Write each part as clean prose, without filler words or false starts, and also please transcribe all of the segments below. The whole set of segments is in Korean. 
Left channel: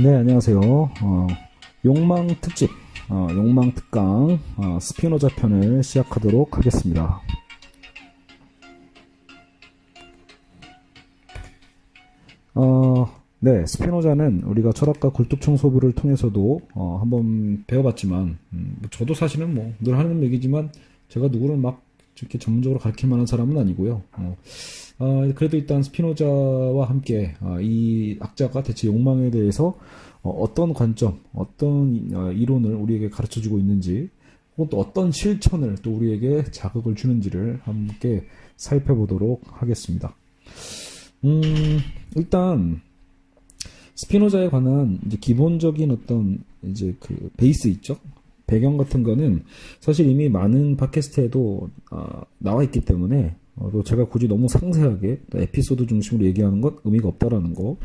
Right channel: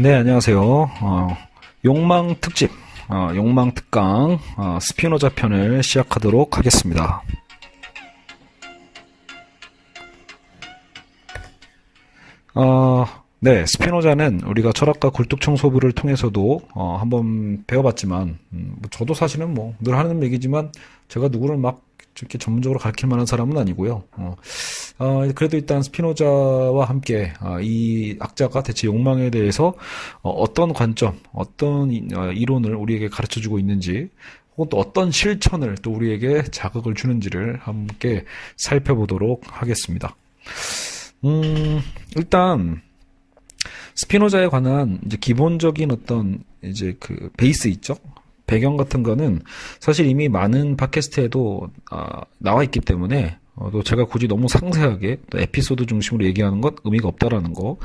네, 안녕하세요. 욕망 특집, 욕망 특강, 스피노자 편을 시작하도록 하겠습니다. 네, 스피노자는 우리가 철학과 굴뚝청소부를 통해서도 한번 배워봤지만, 저도 사실은 뭐 늘 하는 얘기지만 제가 누구를 막 이렇게 전문적으로 가르칠 만한 사람은 아니고요. 그래도 일단 스피노자와 함께 이 학자가 대체 욕망에 대해서 어떤 관점, 어떤 이론을 우리에게 가르쳐주고 있는지, 혹은 또 어떤 실천을 또 우리에게 자극을 주는지를 함께 살펴보도록 하겠습니다. 일단 스피노자에 관한 이제 기본적인 어떤 이제 그 베이스 있죠? 배경 같은 거는 사실 이미 많은 팟캐스트에도 나와 있기 때문에 또 제가 굳이 너무 상세하게 또 에피소드 중심으로 얘기하는 건 의미가 없다라는 거.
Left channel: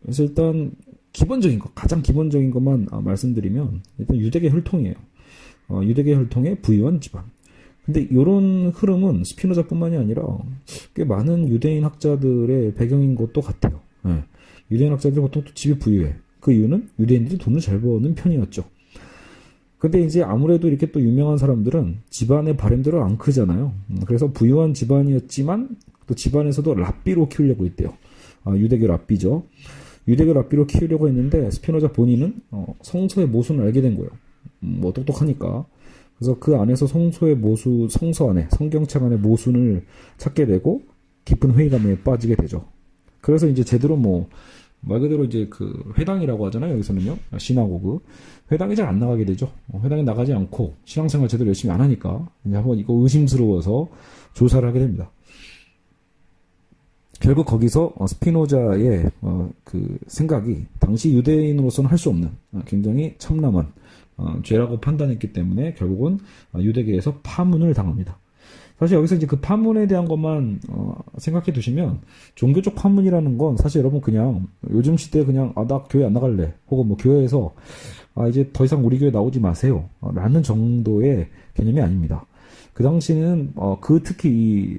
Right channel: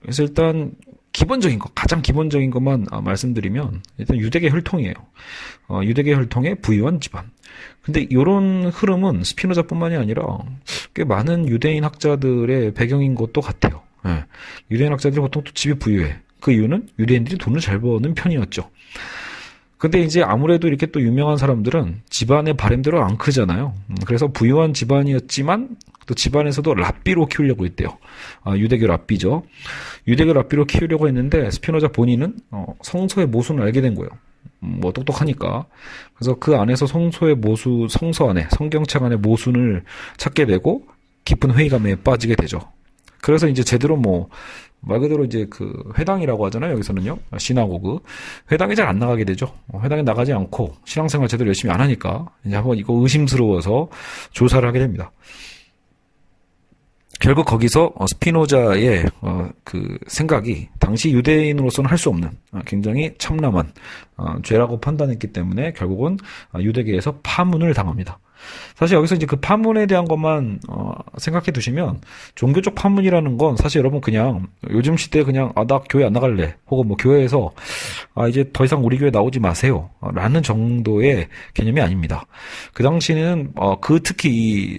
그래서 일단 기본적인 거, 가장 기본적인 것만 말씀드리면 일단 유대계 혈통이에요. 유대계 혈통의 부유한 집안. 근데 이런 흐름은 스피노자뿐만이 아니라 꽤 많은 유대인 학자들의 배경인 것도 같아요. 네. 유대인 학자들이 보통 또 집이 부유해. 그 이유는 유대인들이 돈을 잘 버는 편이었죠. 근데 이제 아무래도 이렇게 또 유명한 사람들은 집안의 바램대로 안 크잖아요. 그래서 부유한 집안이었지만 또 집안에서도 랍비로 키우려고 했대요. 유대교 랍비죠. 유대교 랍비로 키우려고 했는데 스피노자 본인은 성서의 모순을 알게 된 거예요. 뭐 똑똑하니까. 그래서 그 안에서 성서의 모수, 성서 안에, 성경책 안에 모순을 찾게 되고 깊은 회의감에 빠지게 되죠. 그래서 이제 제대로 말 그대로 이제 그 회당이라고 하잖아요. 여기서는요. 시나고그. 회당에 잘 안 나가게 되죠. 회당에 나가지 않고 신앙생활 제대로 열심히 안 하니까 이제 한번 이거 의심스러워서 조사를 하게 됩니다. 결국 거기서 스피노자의 그 생각이 당시 유대인으로서는 할 수 없는 굉장히 참남한 죄라고 판단했기 때문에 결국은 유대계에서 파문을 당합니다. 사실 여기서 이제 그 파문에 대한 것만 생각해 두시면 종교적 파문이라는 건 사실 여러분 그냥 요즘 시대에 그냥 나 교회 안 나갈래 혹은 뭐 교회에서 이제 더 이상 우리 교회 나오지 마세요 라는 정도의 개념이 아닙니다. 그 당시에는 특히 이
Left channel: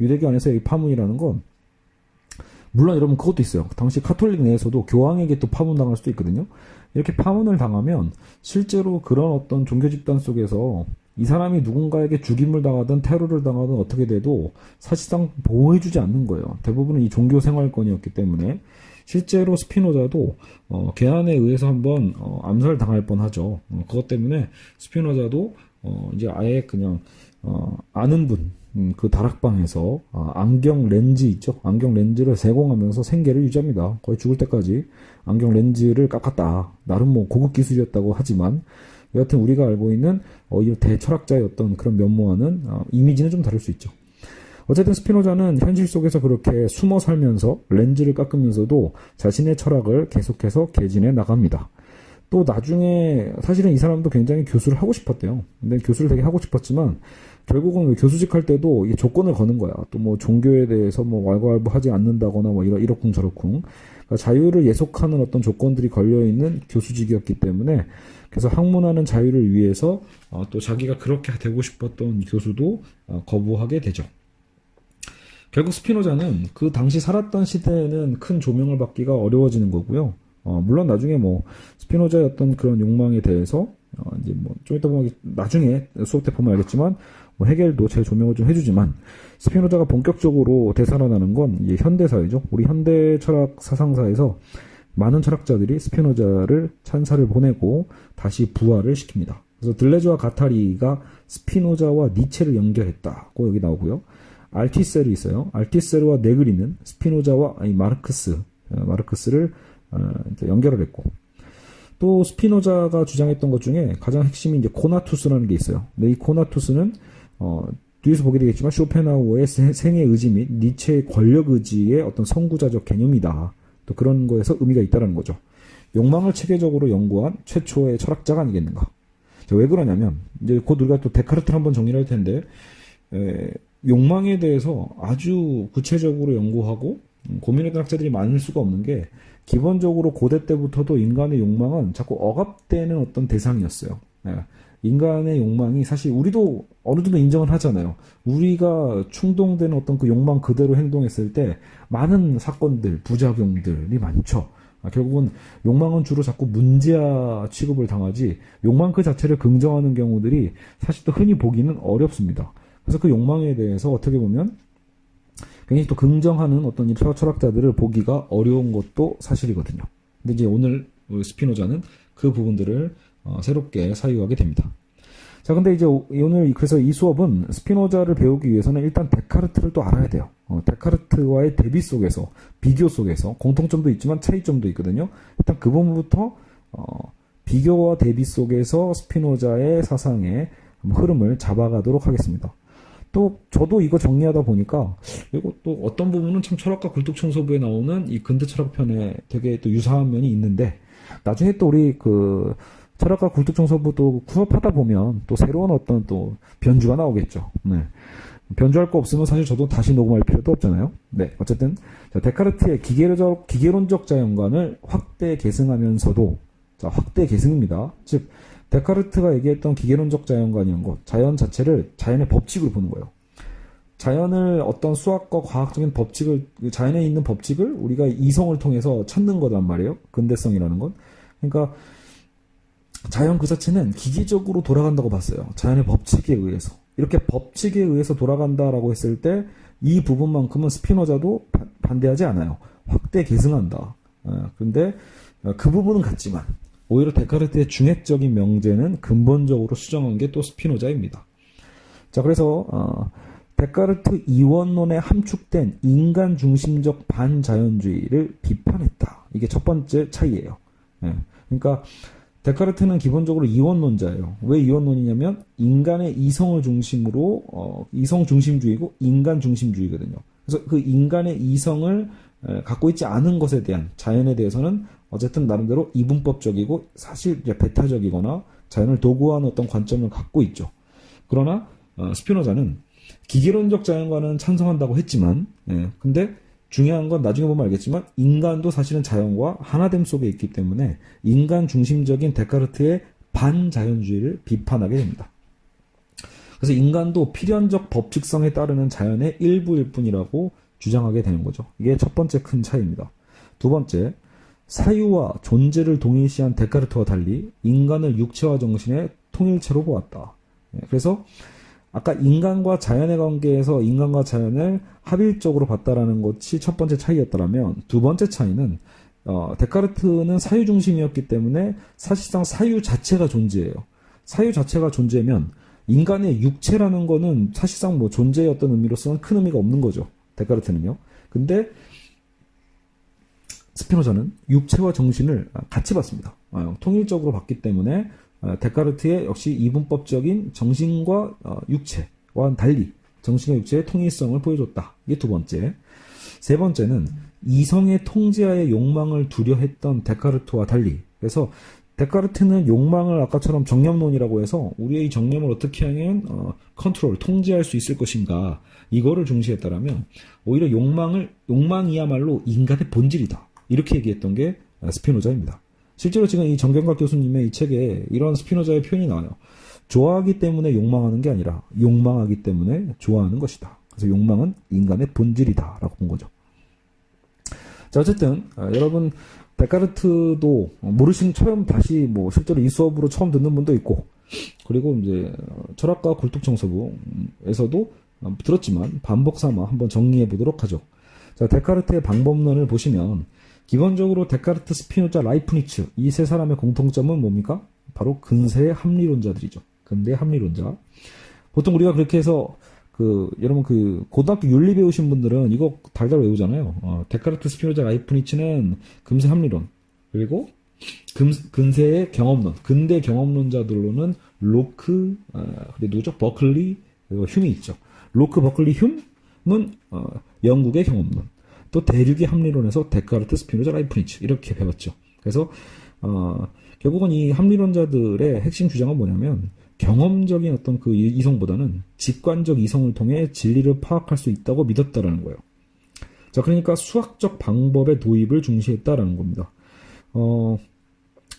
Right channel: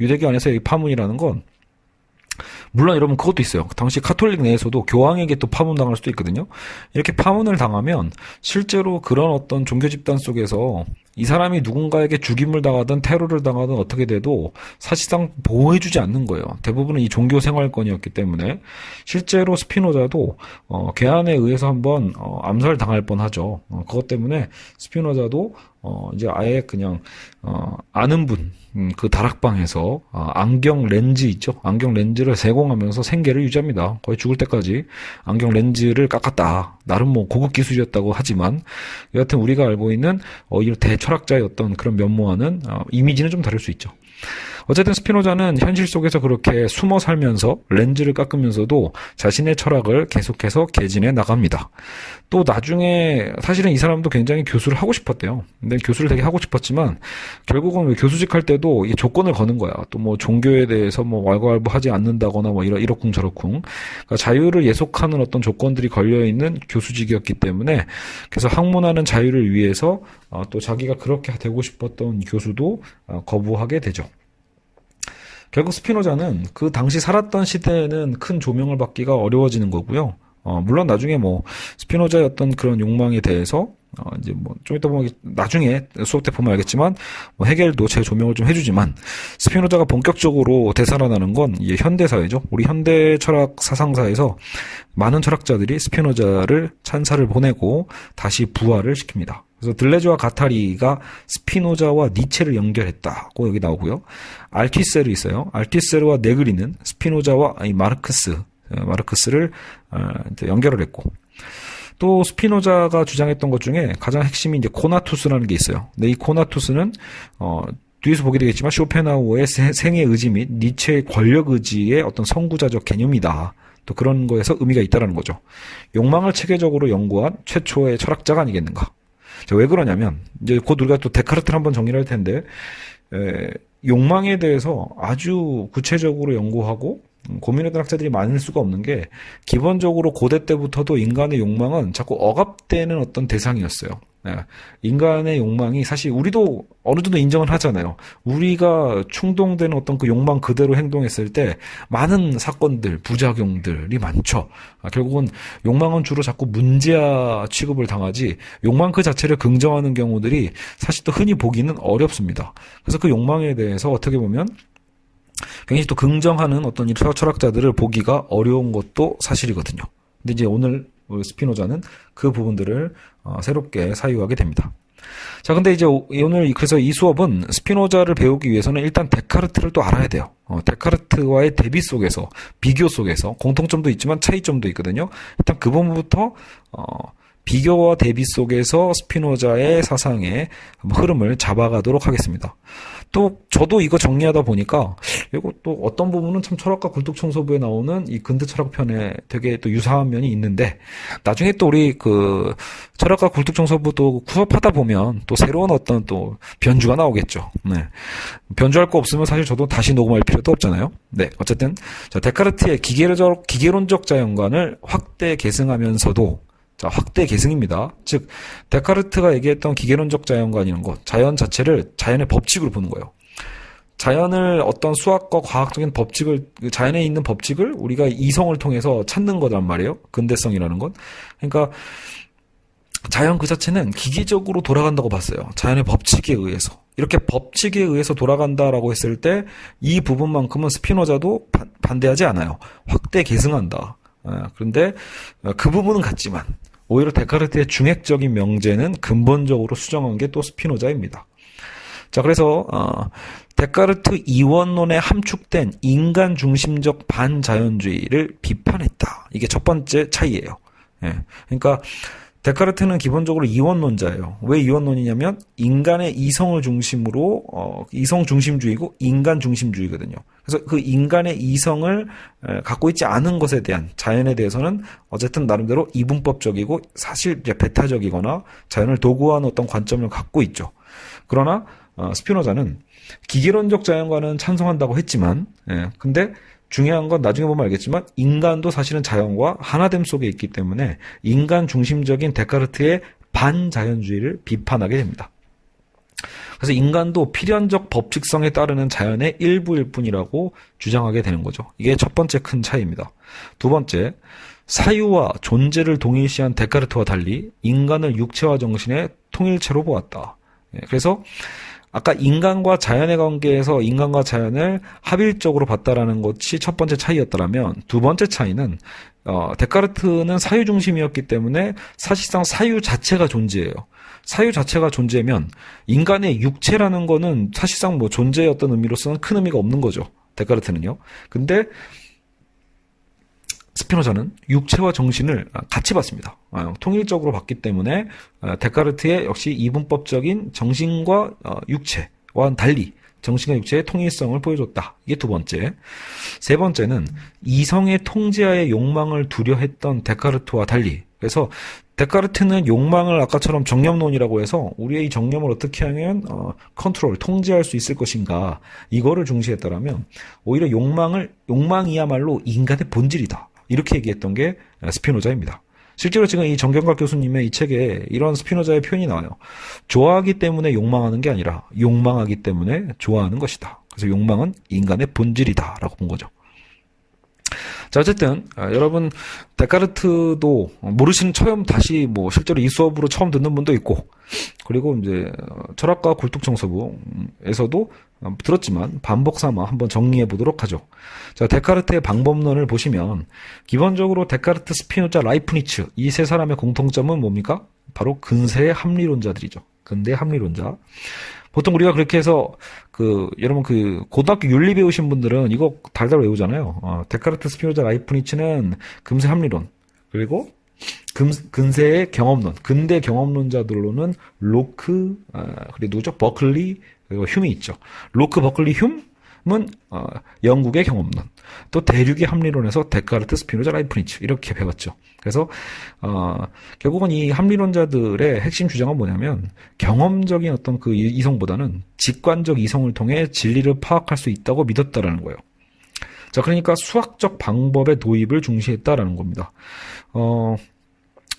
유대교 안에서의 파문이라는 건 물론 여러분 그것도 있어요. 당시 카톨릭 내에서도 교황에게 또 파문당할 수도 있거든요. 이렇게 파문을 당하면 실제로 그런 어떤 종교 집단 속에서 이 사람이 누군가에게 죽임을 당하든 테러를 당하든 어떻게 돼도 사실상 보호해주지 않는 거예요. 대부분은 이 종교 생활권이었기 때문에 실제로 스피노자도 괴한에 의해서 한번 암살당할 뻔하죠. 그것 때문에 스피노자도 이제 아예 그냥 아는 분 그 다락방에서 안경 렌즈 있죠. 안경 렌즈를 세공하면서 생계를 유지합니다. 거의 죽을 때까지 안경 렌즈를 깎았다. 나름 뭐 고급 기술이었다고 하지만 여하튼 우리가 알고 있는 이 대철학자의 어떤 그런 면모와는 이미지는 좀 다를 수 있죠. 어쨌든 스피노자는 현실 속에서 그렇게 숨어 살면서 렌즈를 깎으면서도 자신의 철학을 계속해서 개진해 나갑니다. 또 나중에 사실은 이 사람도 굉장히 교수를 하고 싶었대요. 근데 교수를 되게 하고 싶었지만 결국은 왜 교수직 할 때도 이 조건을 거는 거야. 또 뭐 종교에 대해서 뭐 왈가왈부하지 않는다거나 뭐 이러쿵 저러쿵. 그러니까 자유를 예속하는 어떤 조건들이 걸려 있는 교수직이었기 때문에 그래서 학문하는 자유를 위해서 또 자기가 그렇게 되고 싶었던 교수도 거부하게 되죠. 결국 스피노자는 그 당시 살았던 시대에는 큰 조명을 받기가 어려워지는 거고요. 물론 나중에 스피노자의 어떤 그런 욕망에 대해서 이제 좀 이따 보면 나중에 수업 때 보면 알겠지만 헤겔도 제 조명을 좀 해주지만 스피노자가 본격적으로 되살아나는 건 이제 현대사회죠. 우리 현대 철학 사상사에서 많은 철학자들이 스피노자를 찬사를 보내고 다시 부활을 시킵니다. 그래서 들레즈와 가타리가 스피노자와 니체를 연결했다고 여기 나오고요. 알티세르 있어요. 알티세르와 네그리는 스피노자와 마르크스를 연결을 했고 또 스피노자가 주장했던 것 중에 가장 핵심이 이제 코나투스라는 게 있어요. 근데 이 코나투스는 뒤에서 보게 되겠지만 쇼펜하우어의 생애 의지 및 니체의 권력 의지의 어떤 선구자적 개념이다. 또 그런 거에서 의미가 있다는 거죠. 욕망을 체계적으로 연구한 최초의 철학자가 아니겠는가. 왜 그러냐면 이제 곧 우리가 또 데카르트를 한번 정리를 할 텐데 욕망에 대해서 아주 구체적으로 연구하고 고민했던 학자들이 많을 수가 없는 게 기본적으로 고대 때부터도 인간의 욕망은 자꾸 억압되는 어떤 대상이었어요. 예, 인간의 욕망이 사실 우리도 어느 정도 인정을 하잖아요. 우리가 충동되는 어떤 그 욕망 그대로 행동했을 때 많은 사건들, 부작용들이 많죠. 결국은 욕망은 주로 자꾸 문제아 취급을 당하지 욕망 그 자체를 긍정하는 경우들이 사실 또 흔히 보기는 어렵습니다. 그래서 그 욕망에 대해서 어떻게 보면 굉장히 또 긍정하는 어떤 철학자들을 보기가 어려운 것도 사실이거든요. 근데 이제 오늘 스피노자는 그 부분들을 새롭게 사유하게 됩니다. 자, 근데 이제 오늘 그래서 이 수업은 스피노자를 배우기 위해서는 일단 데카르트를 또 알아야 돼요. 데카르트와의 대비 속에서, 비교 속에서 공통점도 있지만 차이점도 있거든요. 일단 그 부분부터 비교와 대비 속에서 스피노자의 사상의 흐름을 잡아가도록 하겠습니다. 또 저도 이거 정리하다 보니까 이거 또 어떤 부분은 참 철학과 굴뚝청소부에 나오는 이 근대 철학편에 되게 또 유사한 면이 있는데 나중에 또 우리 그 철학과 굴뚝청소부도 수업하다 보면 또 새로운 어떤 또 변주가 나오겠죠. 네. 변주할 거 없으면 사실 저도 다시 녹음할 필요도 없잖아요. 네. 어쨌든 자, 데카르트의 기계론적 자연관을 확대 계승하면서도 자, 확대 계승입니다. 즉, 데카르트가 얘기했던 기계론적 자연관이라는 것, 자연 자체를 자연의 법칙으로 보는 거예요. 자연을 어떤 수학과 과학적인 법칙을, 자연에 있는 법칙을 우리가 이성을 통해서 찾는 거란 말이에요. 근대성이라는 건. 그러니까, 자연 그 자체는 기계적으로 돌아간다고 봤어요. 자연의 법칙에 의해서. 이렇게 법칙에 의해서 돌아간다라고 했을 때, 이 부분만큼은 스피노자도 반대하지 않아요. 확대 계승한다. 그런데 그 부분은 같지만 오히려 데카르트의 중핵적인 명제는 근본적으로 수정한 게 또 스피노자입니다. 자, 그래서 데카르트 이원론에 함축된 인간 중심적 반자연주의를 비판했다. 이게 첫 번째 차이예요. 예. 그러니까 데카르트는 기본적으로 이원론자예요. 왜 이원론이냐면 인간의 이성을 중심으로 이성 중심주의고 인간 중심주의거든요. 그래서 그 인간의 이성을 갖고 있지 않은 것에 대한 자연에 대해서는 어쨌든 나름대로 이분법적이고 사실 이제 배타적이거나 자연을 도구화하는 어떤 관점을 갖고 있죠. 그러나 스피노자는 기계론적 자연과는 찬성한다고 했지만, 근데 중요한 건 나중에 보면 알겠지만 인간도 사실은 자연과 하나됨 속에 있기 때문에 인간 중심적인 데카르트의 반자연주의를 비판하게 됩니다. 그래서 인간도 필연적 법칙성에 따르는 자연의 일부일 뿐이라고 주장하게 되는 거죠. 이게 첫 번째 큰 차이입니다. 두 번째, 사유와 존재를 동일시한 데카르트와 달리 인간을 육체와 정신의 통일체로 보았다. 그래서 아까 인간과 자연의 관계에서 인간과 자연을 합일적으로 봤다라는 것이 첫 번째 차이였다면 두 번째 차이는 데카르트는 사유 중심이었기 때문에 사실상 사유 자체가 존재해요. 사유 자체가 존재면 인간의 육체라는 거는 사실상 뭐 존재의 어떤 의미로서는 큰 의미가 없는 거죠. 데카르트는요. 근데 스피노자는 육체와 정신을 같이 봤습니다. 통일적으로 봤기 때문에 데카르트의 역시 이분법적인 정신과 육체와는 달리 정신과 육체의 통일성을 보여줬다. 이게 두 번째. 세 번째는 이성의 통제하에 욕망을 두려했던 데카르트와 달리, 그래서 데카르트는 욕망을 아까처럼 정념론이라고 해서 우리의 이 정념을 어떻게 하면 컨트롤, 통제할 수 있을 것인가, 이거를 중시했더라면 오히려 욕망이야말로 인간의 본질이다. 이렇게 얘기했던 게 스피노자입니다. 실제로 지금 이 정경각 교수님의 이 책에 이런 스피노자의 표현이 나와요. 좋아하기 때문에 욕망하는 게 아니라 욕망하기 때문에 좋아하는 것이다. 그래서 욕망은 인간의 본질이다 라고 본 거죠. 자, 어쨌든 여러분 데카르트도 모르시는, 처음 다시 뭐 실제로 이 수업으로 처음 듣는 분도 있고, 그리고 이제 철학과 굴뚝청소부에서도 들었지만 반복 삼아 한번 정리해 보도록 하죠. 자, 데카르트의 방법론을 보시면 기본적으로 데카르트, 스피노자, 라이프니츠 이 세 사람의 공통점은 뭡니까? 바로 근세의 합리론자들이죠. 근대 합리론자. 보통 우리가 그렇게 해서 여러분 고등학교 윤리 배우신 분들은 이거 달달 외우잖아요. 데카르트, 스피노자, 라이프니츠는 근세 합리론, 그리고 근세의 경험론, 근대 경험론자들로는 로크, 그리고 누구죠? 버클리, 그리고 흉이 있죠. 로크, 버클리, 흉은 영국의 경험론, 또 대륙의 합리론에서 데카르트, 스피노자, 라이프니츠 이렇게 배웠죠. 그래서 결국은 이 합리론자들의 핵심 주장은 뭐냐면 경험적인 어떤 그 이성보다는 직관적 이성을 통해 진리를 파악할 수 있다고 믿었다라는 거예요. 자, 그러니까 수학적 방법의 도입을 중시했다라는 겁니다.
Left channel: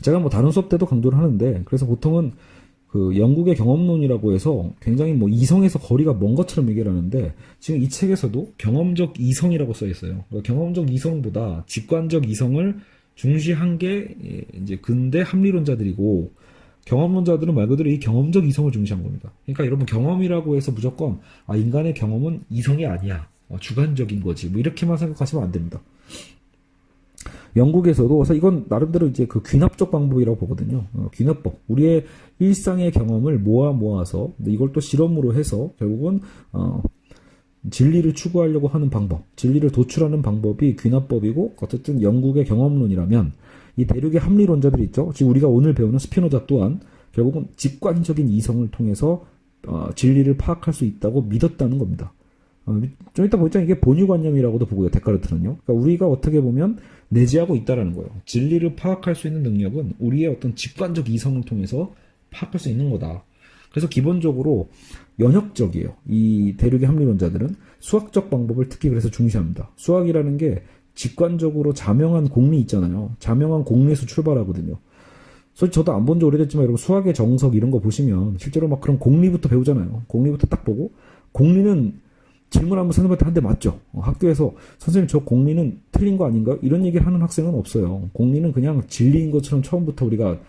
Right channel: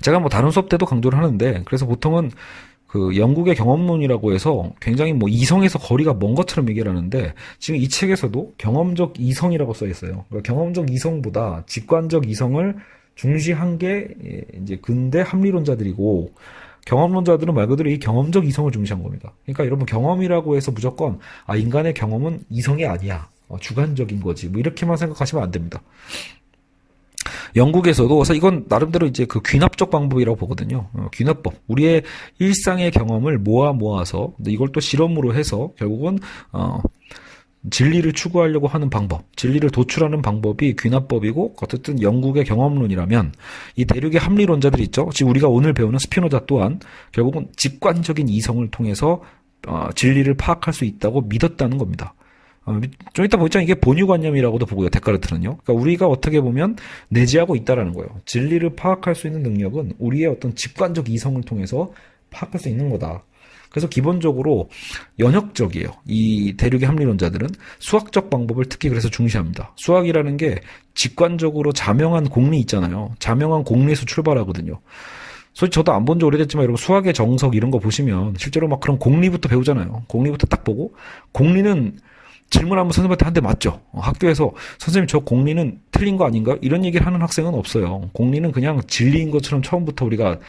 제가 뭐 다른 수업 때도 강조를 하는데, 그래서 보통은 그 영국의 경험론이라고 해서 굉장히 뭐 이성에서 거리가 먼 것처럼 얘기를 하는데 지금 이 책에서도 경험적 이성이라고 써 있어요. 그러니까 경험적 이성보다 직관적 이성을 중시한 게 이제 근대 합리론자들이고 경험론자들은 말 그대로 이 경험적 이성을 중시한 겁니다. 그러니까 여러분 경험이라고 해서 무조건 인간의 경험은 이성이 아니야. 주관적인 거지. 뭐 이렇게만 생각하시면 안 됩니다. 영국에서도 이건 나름대로 이제 그 귀납적 방법이라고 보거든요. 귀납법. 우리의 일상의 경험을 모아서 이걸 또 실험으로 해서 결국은 진리를 추구하려고 하는 방법, 진리를 도출하는 방법이 귀납법이고 어쨌든 영국의 경험론이라면 이 대륙의 합리론자들이 있죠. 지금 우리가 오늘 배우는 스피노자 또한 결국은 직관적인 이성을 통해서 진리를 파악할 수 있다고 믿었다는 겁니다. 좀 이따 보겠지만 이게 본유관념이라고도 보고요. 데카르트는요. 그러니까 우리가 어떻게 보면 내재하고 있다라는 거예요. 진리를 파악할 수 있는 능력은 우리의 어떤 직관적 이성을 통해서 파악할 수 있는 거다. 그래서 기본적으로 연역적이에요. 이 대륙의 합리론자들은 수학적 방법을 특히 그래서 중시합니다. 수학이라는 게 직관적으로 자명한 공리 있잖아요. 자명한 공리에서 출발하거든요. 솔직히 저도 안 본 지 오래됐지만 여러분 수학의 정석 이런 거 보시면 실제로 막 그런 공리부터 배우잖아요. 공리부터 딱 보고 공리는 질문하면 선생님한테 한 대 맞죠. 학교에서 선생님 저 공리는 틀린 거 아닌가? 이런 얘기를 하는 학생은 없어요. 공리는 그냥 진리인 것처럼 처음부터 우리가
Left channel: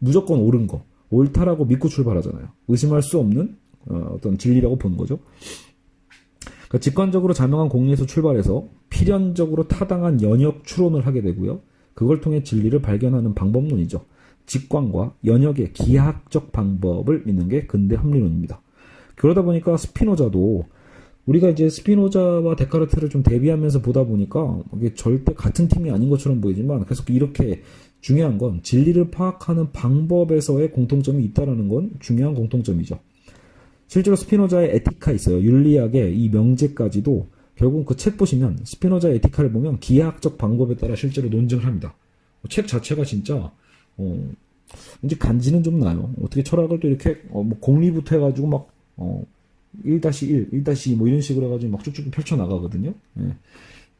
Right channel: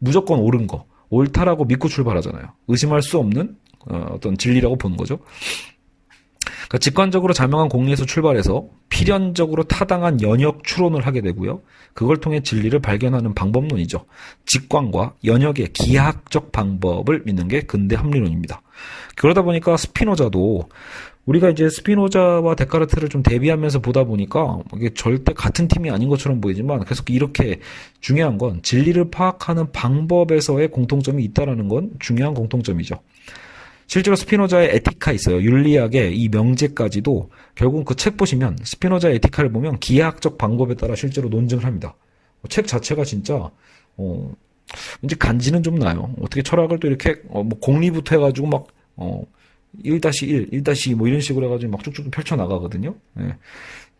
무조건 옳은 거, 옳다라고 믿고 출발하잖아요. 의심할 수 없는 어떤 진리라고 보는 거죠. 그러니까 직관적으로 자명한 공리에서 출발해서 필연적으로 타당한 연역 추론을 하게 되고요. 그걸 통해 진리를 발견하는 방법론이죠. 직관과 연역의 기하학적 방법을 믿는 게 근대 합리론입니다. 그러다 보니까 스피노자도 우리가 이제 스피노자와 데카르트를 좀 대비하면서 보다 보니까 이게 절대 같은 팀이 아닌 것처럼 보이지만 계속 이렇게 중요한 건 진리를 파악하는 방법에서의 공통점이 있다는 건 중요한 공통점이죠. 실제로 스피노자의 에티카 있어요. 윤리학의 이 명제까지도 결국 그 책 보시면 스피노자의 에티카를 보면 기하학적 방법에 따라 실제로 논증을 합니다. 책 자체가 진짜 이제 간지는 좀 나요. 어떻게 철학을 또 이렇게 뭐 공리부터 해가지고 막 1-1, 1-2 뭐 이런 식으로 해가지고 막 쭉쭉 펼쳐나가거든요. 예.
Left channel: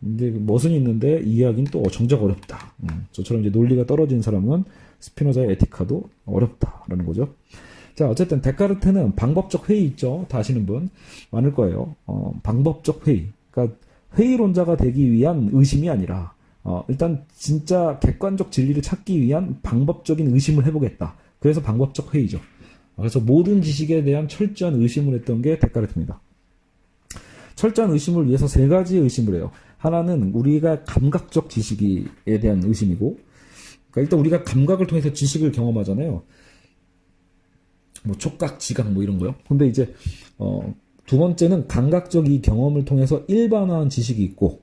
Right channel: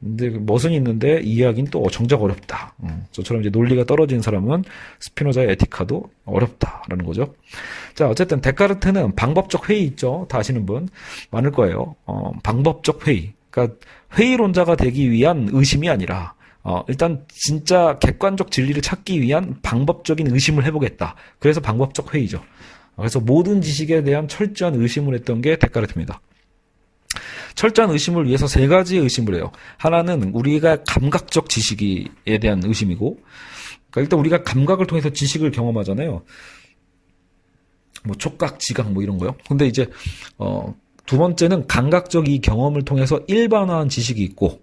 근데 멋은 있는데 이해하기는 또 정작 어렵다. 저처럼 이제 논리가 떨어진 사람은 스피노자의 에티카도 어렵다라는 거죠. 자, 어쨌든 데카르트는 방법적 회의 있죠. 다 아시는 분 많을 거예요. 방법적 회의. 그러니까 회의론자가 되기 위한 의심이 아니라 일단 진짜 객관적 진리를 찾기 위한 방법적인 의심을 해보겠다. 그래서 방법적 회의죠. 그래서 모든 지식에 대한 철저한 의심을 했던 게 데카르트입니다. 철저한 의심을 위해서 세 가지의 의심을 해요. 하나는 우리가 감각적 지식에 대한 의심이고, 그러니까 일단 우리가 감각을 통해서 지식을 경험하잖아요. 뭐 촉각, 지각 뭐 이런 거요. 근데 이제 두 번째는 감각적 이 경험을 통해서 일반화한 지식이 있고,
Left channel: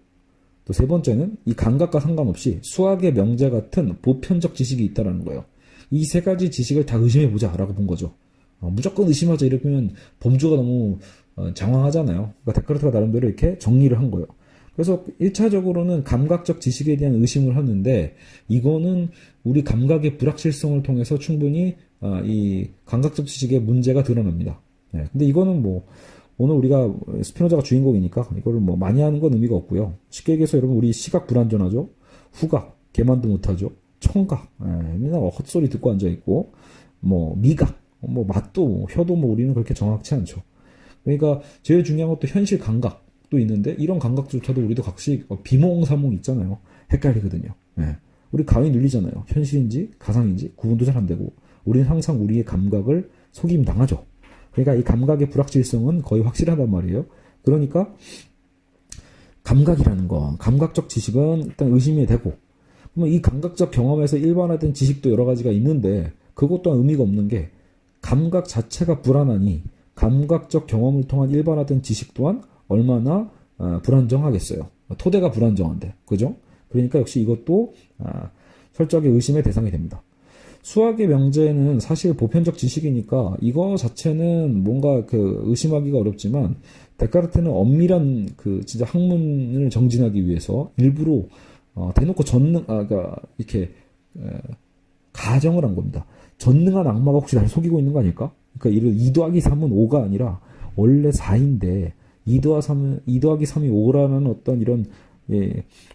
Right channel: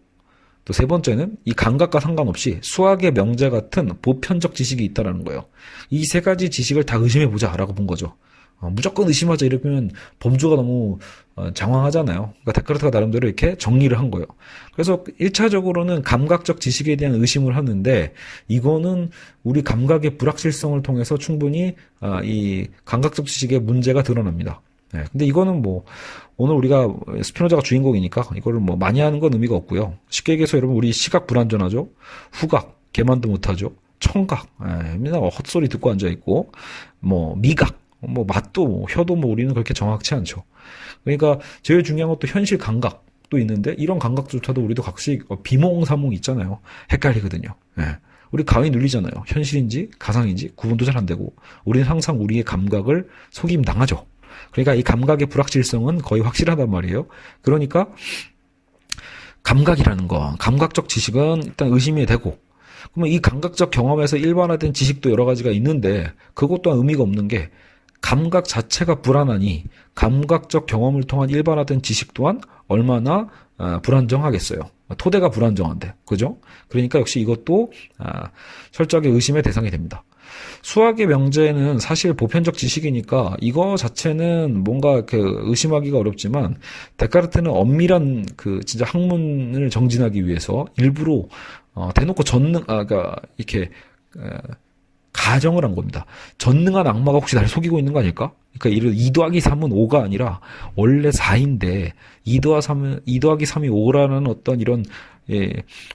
또 세 번째는 이 감각과 상관없이 수학의 명제 같은 보편적 지식이 있다는 거예요. 이 세 가지 지식을 다 의심해보자라고 본 거죠. 무조건 의심하자 이러면 범주가 너무 장황하잖아요. 그러니까 데카르트가 나름대로 이렇게 정리를 한 거예요. 그래서 1차적으로는 감각적 지식에 대한 의심을 하는데 이거는 우리 감각의 불확실성을 통해서 충분히 이 감각적 지식의 문제가 드러납니다. 네, 근데 이거는 뭐 오늘 우리가 스피노자가 주인공이니까 이거를 뭐 많이 하는 건 의미가 없고요. 쉽게 얘기해서 여러분 우리 시각 불완전하죠. 후각 개만도 못하죠. 청각 맨날 헛소리 듣고 앉아있고 뭐 미각 뭐 맛도 혀도 뭐 우리는 그렇게 정확치 않죠. 그러니까 제일 중요한 것도 현실 감각도 있는데 이런 감각조차도 우리도 각식 비몽사몽 있잖아요. 헷갈리거든요. 예. 우리 가위 눌리잖아요. 현실인지 가상인지 구분도 잘 안 되고 우리는 항상 우리의 감각을 속임 당하죠. 그러니까 이 감각의 불확실성은 거의 확실하단 말이에요. 그러니까 감각이라는 거, 감각적 지식은 일단 의심이 되고 그러면 이 감각적 경험에서 일반화된 지식도 여러 가지가 있는데 그것 또한 의미가 없는 게 감각 자체가 불안하니 감각적 경험을 통한 일반화된 지식 또한 얼마나 불안정하겠어요. 토대가 불안정한데. 그죠? 그러니까 역시 이것도 철저하게 의심의 대상이 됩니다. 수학의 명제는 사실 보편적 지식이니까 이거 자체는 뭔가 의심하기가 어렵지만 데카르트는 엄밀한 진짜 학문을 정진하기 위해서 일부러 대놓고 그러니까 이렇게 가정을 한 겁니다. 전능한 악마가 혹시 나를 속이고 있는 거 아닐까? 그러니까 이를 2 더하기 3은 5가 아니라 원래 4인데 2 더하기 3이 5라는 어떤 이런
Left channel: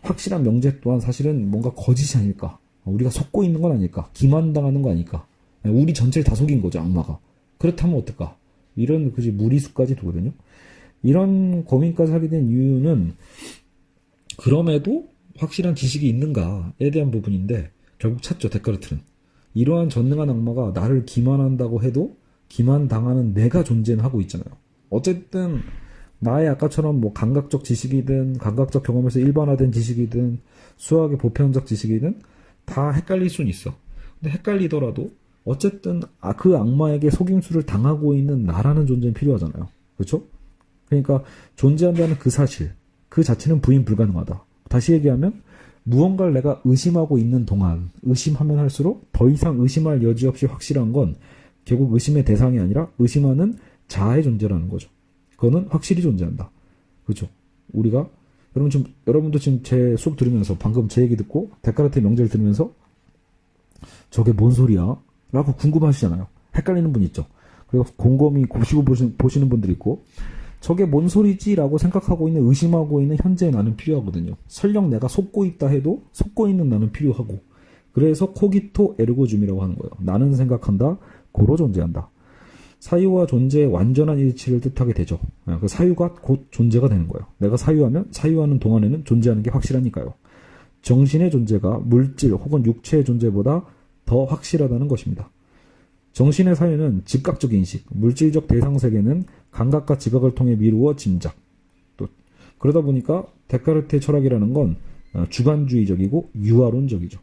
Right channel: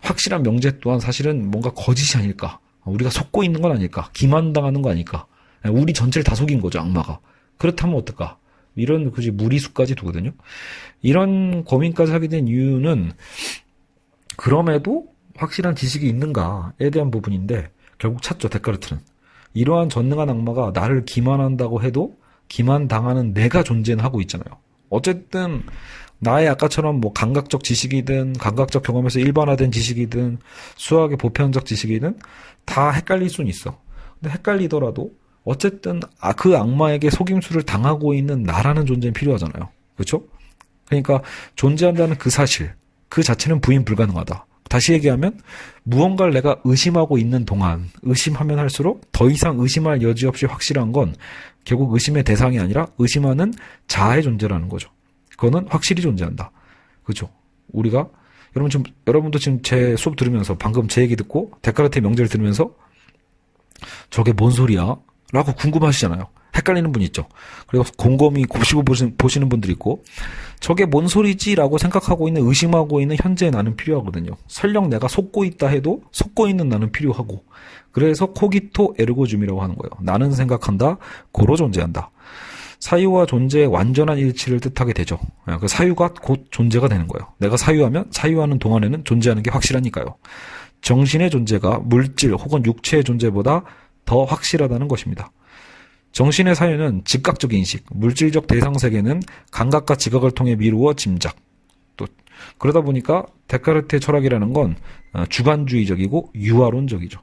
확실한 명제 또한 사실은 뭔가 거짓이 아닐까? 우리가 속고 있는 건 아닐까? 기만당하는 거 아닐까? 우리 전체를 다 속인 거죠, 악마가. 그렇다면 어떨까? 이런 굳이 무리수까지 두거든요. 이런 고민까지 하게 된 이유는 그럼에도 확실한 지식이 있는가에 대한 부분인데 결국 찾죠, 데카르트는. 이러한 전능한 악마가 나를 기만한다고 해도 기만당하는 내가 존재는 하고 있잖아요. 어쨌든 나의 아까처럼 뭐 감각적 지식이든 감각적 경험에서 일반화된 지식이든 수학의 보편적 지식이든 다 헷갈릴 수는 있어. 근데 헷갈리더라도 어쨌든 그 악마에게 속임수를 당하고 있는 나라는 존재는 필요하잖아요. 그렇죠? 그러니까 존재한다는 그 사실, 그 자체는 부인 불가능하다. 다시 얘기하면 무언가를 내가 의심하고 있는 동안 의심하면 할수록 더 이상 의심할 여지 없이 확실한 건 결국 의심의 대상이 아니라 의심하는 자아의 존재라는 거죠. 그거는 확실히 존재한다. 그렇죠? 우리가 여러분도 지금 제 수업 들으면서 방금 제 얘기 듣고 데카르트의 명제를 들으면서 저게 뭔 소리야? 라고 궁금하시잖아요. 헷갈리는 분 있죠. 그리고 곰곰이 곱씹어 보시는 분들이 있고 저게 뭔 소리지? 라고 생각하고 있는 의심하고 있는 현재의 나는 필요하거든요. 설령 내가 속고 있다 해도 속고 있는 나는 필요하고 그래서 코기토 에르고 줌이라고 하는 거예요. 나는 생각한다. 고로 존재한다. 사유와 존재의 완전한 일치를 뜻하게 되죠. 그 사유가 곧 존재가 되는 거예요. 내가 사유하면 사유하는 동안에는 존재하는 게 확실하니까요. 정신의 존재가 물질 혹은 육체의 존재보다 더 확실하다는 것입니다. 정신의 사유는 즉각적 인식, 물질적 대상 세계는 감각과 지각을 통해 미루어 짐작. 또 그러다 보니까 데카르트의 철학이라는 건 주관주의적이고 유화론적이죠.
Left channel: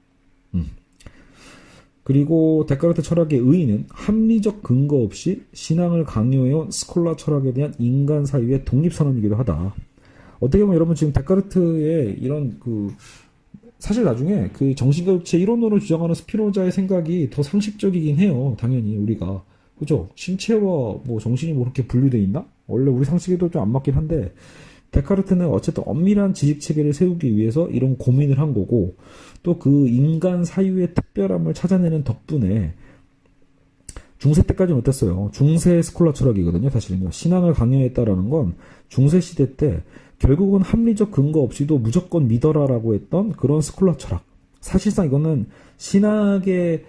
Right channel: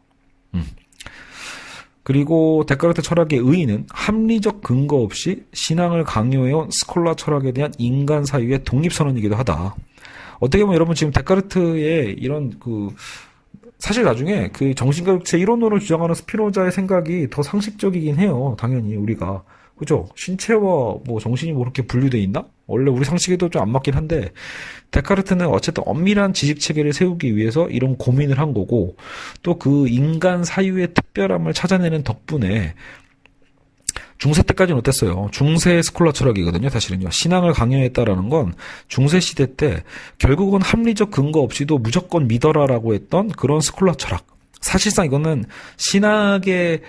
그리고 데카르트 철학의 의의는 합리적 근거 없이 신앙을 강요해온 스콜라 철학에 대한 인간 사유의 독립선언이기도 하다. 어떻게 보면 여러분 지금 데카르트의 이런 사실 나중에 그 정신과 육체 이론론을 주장하는 스피노자의 생각이 더 상식적이긴 해요. 당연히 우리가. 그죠? 신체와 뭐 정신이 뭐 그렇게 분류되어 있나? 원래 우리 상식에도 좀 안 맞긴 한데 데카르트는 어쨌든 엄밀한 지식 체계를 세우기 위해서 이런 고민을 한 거고 또 그 인간 사유의 특별함을 찾아내는 덕분에 중세 때까지는 어땠어요? 중세 스콜라 철학이거든요. 사실은요. 신앙을 강요했다라는 건 중세 시대 때 결국은 합리적 근거 없이도 무조건 믿어라라고 했던 그런 스콜라 철학. 사실상 이거는 신학의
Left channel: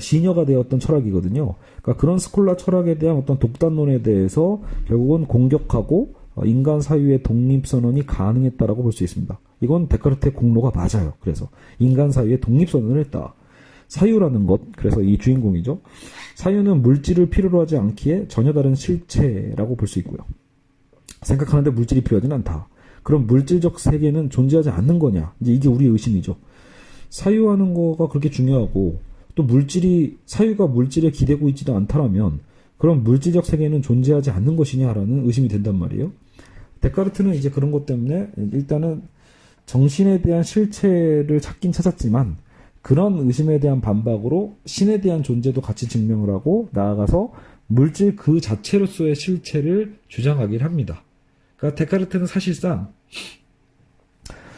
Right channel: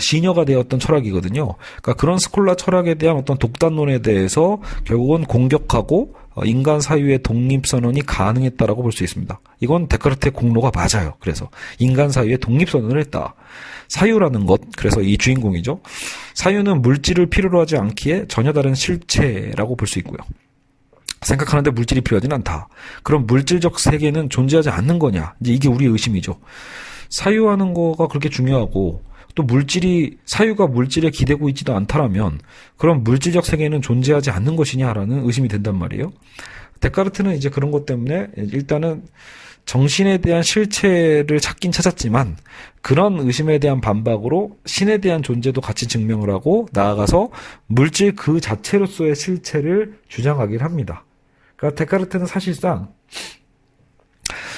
시녀가 되었던 철학이거든요. 그러니까 그런 스콜라 철학에 대한 어떤 독단론에 대해서 결국은 공격하고 인간 사유의 독립선언이 가능했다라고 볼 수 있습니다. 이건 데카르트의 공로가 맞아요. 그래서 인간 사유의 독립선언을 했다. 사유라는 것, 그래서 이 주인공이죠. 사유는 물질을 필요로 하지 않기에 전혀 다른 실체라고 볼 수 있고요. 생각하는데 물질이 필요하지는 않다. 그럼 물질적 세계는 존재하지 않는 거냐? 이제 이게 우리의 의심이죠. 사유하는 거가 그렇게 중요하고 또 사유가 물질에 기대고 있지도 않다라면 그럼 물질적 세계는 존재하지 않는 것이냐라는 의심이 된단 말이에요. 데카르트는 이제 그런 것 때문에 일단은 정신에 대한 실체를 찾긴 찾았지만 그런 의심에 대한 반박으로 신에 대한 존재도 같이 증명을 하고 나아가서 물질 그 자체로서의 실체를 주장하긴 합니다. 그러니까 데카르트는 사실상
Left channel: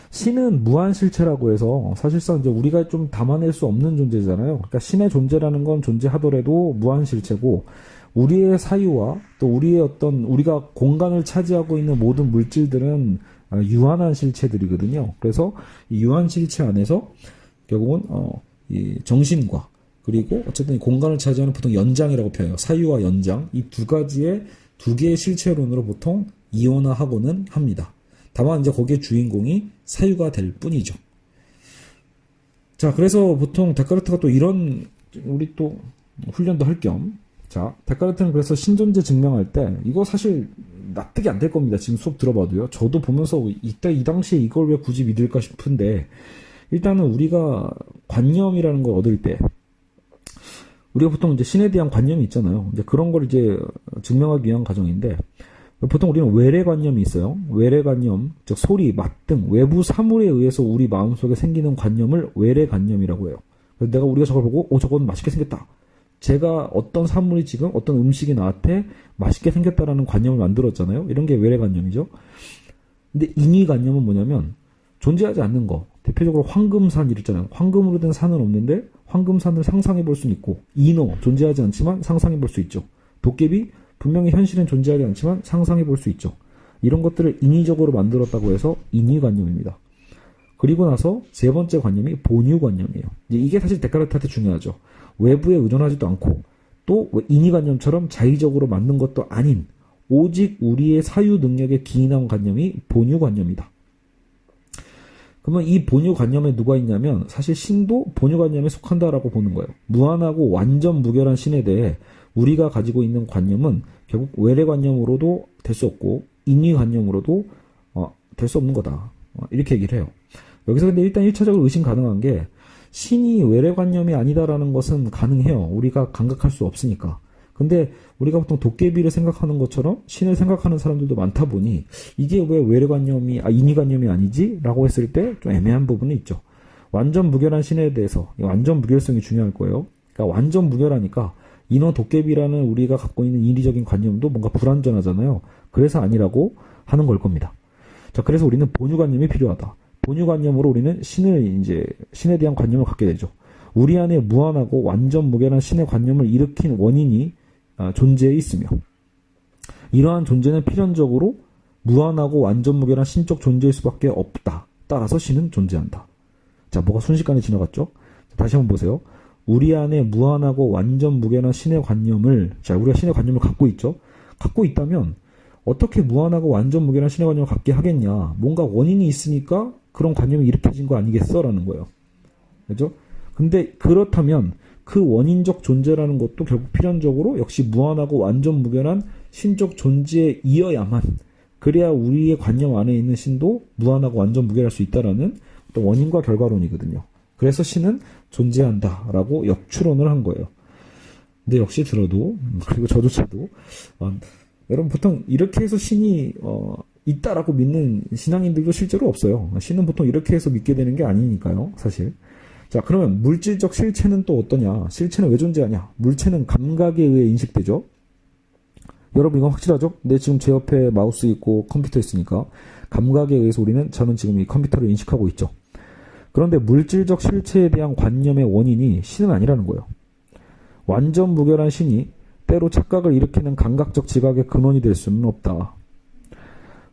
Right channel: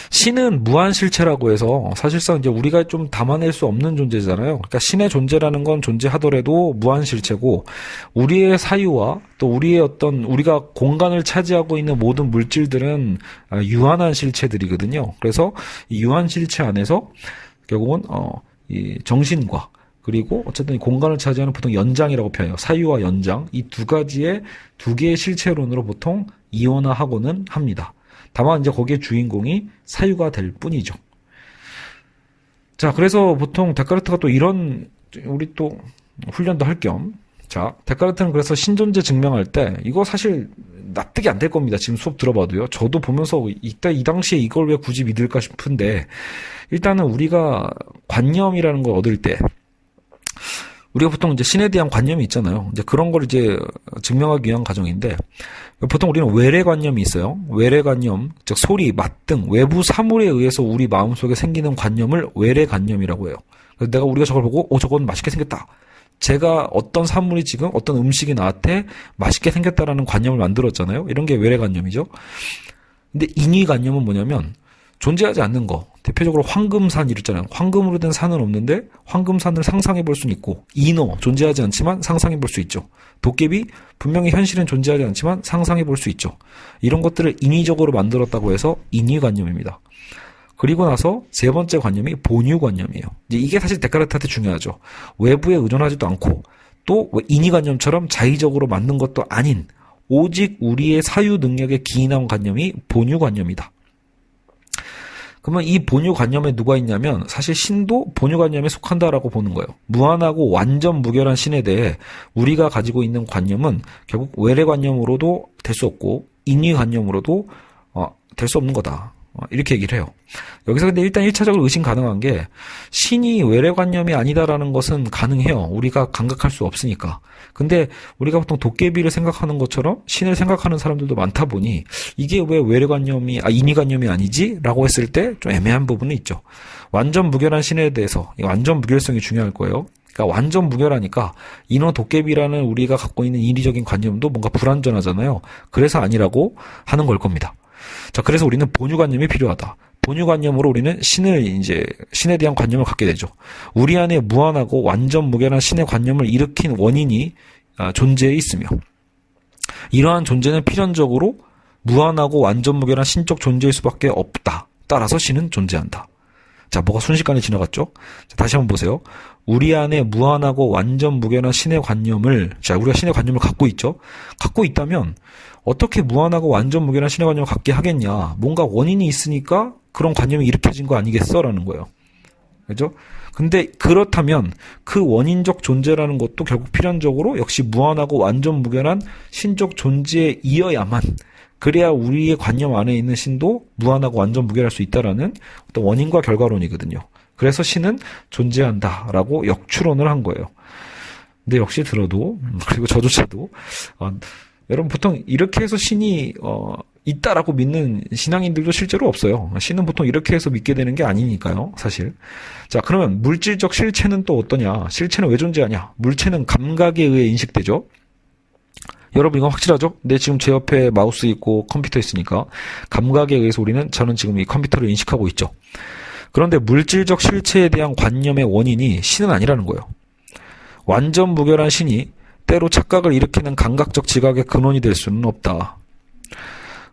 신은 무한실체라고 해서 사실상 이제 우리가 좀 담아낼 수 없는 존재잖아요. 그러니까 신의 존재라는 건 존재하더라도 무한실체고 우리의 사유와 또 우리가 공간을 차지하고 있는 모든 물질들은 유한한 실체들이거든요. 그래서 이 유한실체 안에서 결국은 이 정신과 그리고 어쨌든 공간을 차지하는 보통 연장이라고 표현해요. 사유와 연장 이 두 개의 실체론으로 보통 이원화하고는 합니다. 다만 이제 거기에 주인공이 사유가 될 뿐이죠. 자, 그래서 보통 데카르트가 또 이런 우리 또 훈련도 할 겸 자, 데카르트는 그래서 신존재 증명할 때 이거 사실 납득이 안 될 겁니다. 지금 수업 들어봐도요. 저도 보면서 이 당시에 이걸 왜 굳이 믿을까 싶은데 일단은 우리가 관념이라는 걸 얻을 때 우리가 보통 이제 신에 대한 관념이 있잖아요. 이제 그런 걸 이제 증명하기 위한 과정인데 보통 우리는 외래관념이 있어요. 외래관념, 즉 소리, 맛 등 외부 사물에 의해서 우리 마음속에 생기는 관념을 외래관념이라고 해요. 그래서 우리가 저걸 보고 저건 맛있게 생겼다. 제가 어떤 사물이 지금 어떤 음식이 나한테 맛있게 생겼다라는 관념을 만들었잖아요. 이런 게 외래관념이죠. 근데 인위관념은 뭐냐면 존재하지 않는 거. 대표적으로 황금산 이랬잖아요. 황금으로 된 산은 없는데 황금산을 상상해 볼 수는 있고 인어 존재하지 않지만 상상해 볼 수 있죠. 도깨비 분명히 현실은 존재하지 않지만 상상해 볼 수 있죠. 이런 것들을 인위적으로 만들었다고 해서 인위관념입니다. 그리고 나서 세 번째 관념이 본유관념이에요. 이게 사실 데카르트한테 중요하죠. 외부에 의존하지도 않고 또 인위관념처럼 자의적으로 만든 것도 아닌 오직 우리의 사유 능력에 기인한 관념이 본유관념이다. 그러면 이 본유관념에 누가 있냐면 사실 신도 본유관념에 속한다라고 보는 거예요. 무한하고 완전 무결한 신에 대해 우리가 가지고 있는 관념은 결국 외래관념으로도 될 수 없고 인위관념으로도 될 수 없는 거다. 이렇게 얘기를 해요. 여기서 근데 일단 1차적으로 의심 가능한 게 신이 외래관념이 아니다라는 것은 가능해요. 우리가 감각할 수 없으니까. 근데 우리가 보통 도깨비를 생각하는 것처럼 신을 생각하는 사람들도 많다 보니 이게 왜 외래관념이 인위관념이 아니지? 라고 했을 때 좀 애매한 부분은 있죠. 완전 무결한 신에 대해서 완전 무결성이 중요할 거예요. 그러니까 완전 무결하니까 인어 도깨비라는 우리가 갖고 있는 인위적인 관념도 뭔가 불완전하잖아요. 그래서 아니라고 하는 걸 겁니다. 자, 그래서 우리는 본유관념이 필요하다. 본유관념으로 우리는 신에 대한 관념을 갖게 되죠. 우리 안에 무한하고 완전 무결한 신의 관념을 일으킨 원인이 존재해 있으며 이러한 존재는 필연적으로 무한하고 완전 무결한 신적 존재일 수밖에 없다. 따라서 신은 존재한다. 자, 뭐가 순식간에 지나갔죠? 자, 다시 한번 보세요. 우리 안에 무한하고 완전 무결한 신의 관념을, 우리가 신의 관념을 갖고 있죠? 갖고 있다면 어떻게 무한하고 완전 무결한 신의 관념을 갖게 하겠냐? 뭔가 원인이 있으니까 그런 관념이 일으켜진 거 아니겠어? 라는 거예요. 그죠? 근데 그렇다면 그 원인적 존재라는 것도 결국 필연적으로 역시 무한하고 완전 무결한 신적 존재에 이어야만 그래야 우리의 관념 안에 있는 신도 무한하고 완전 무결할 수 있다라는 어떤 원인과 결과론이거든요. 그래서 신은 존재한다라고 역추론을 한 거예요. 근데 역시 들어도 그리고 저조차도 여러분 보통 이렇게 해서 신이 있다라고 믿는 신앙인들도 실제로 없어요. 신은 보통 이렇게 해서 믿게 되는 게 아니니까요, 사실. 자, 그러면 물질적 실체는 또 어떠냐? 실체는 왜 존재하냐? 물체는 감각에 의해 인식되죠. 여러분 이건 확실하죠? 네, 지금 제 옆에 마우스 있고 컴퓨터 있으니까 감각에 의해서 저는 지금 이 컴퓨터를 인식하고 있죠. 그런데 물질적 실체에 대한 관념의 원인이 신은 아니라는 거예요. 완전 무결한 신이 때로 착각을 일으키는 감각적 지각의 근원이 될 수는 없다.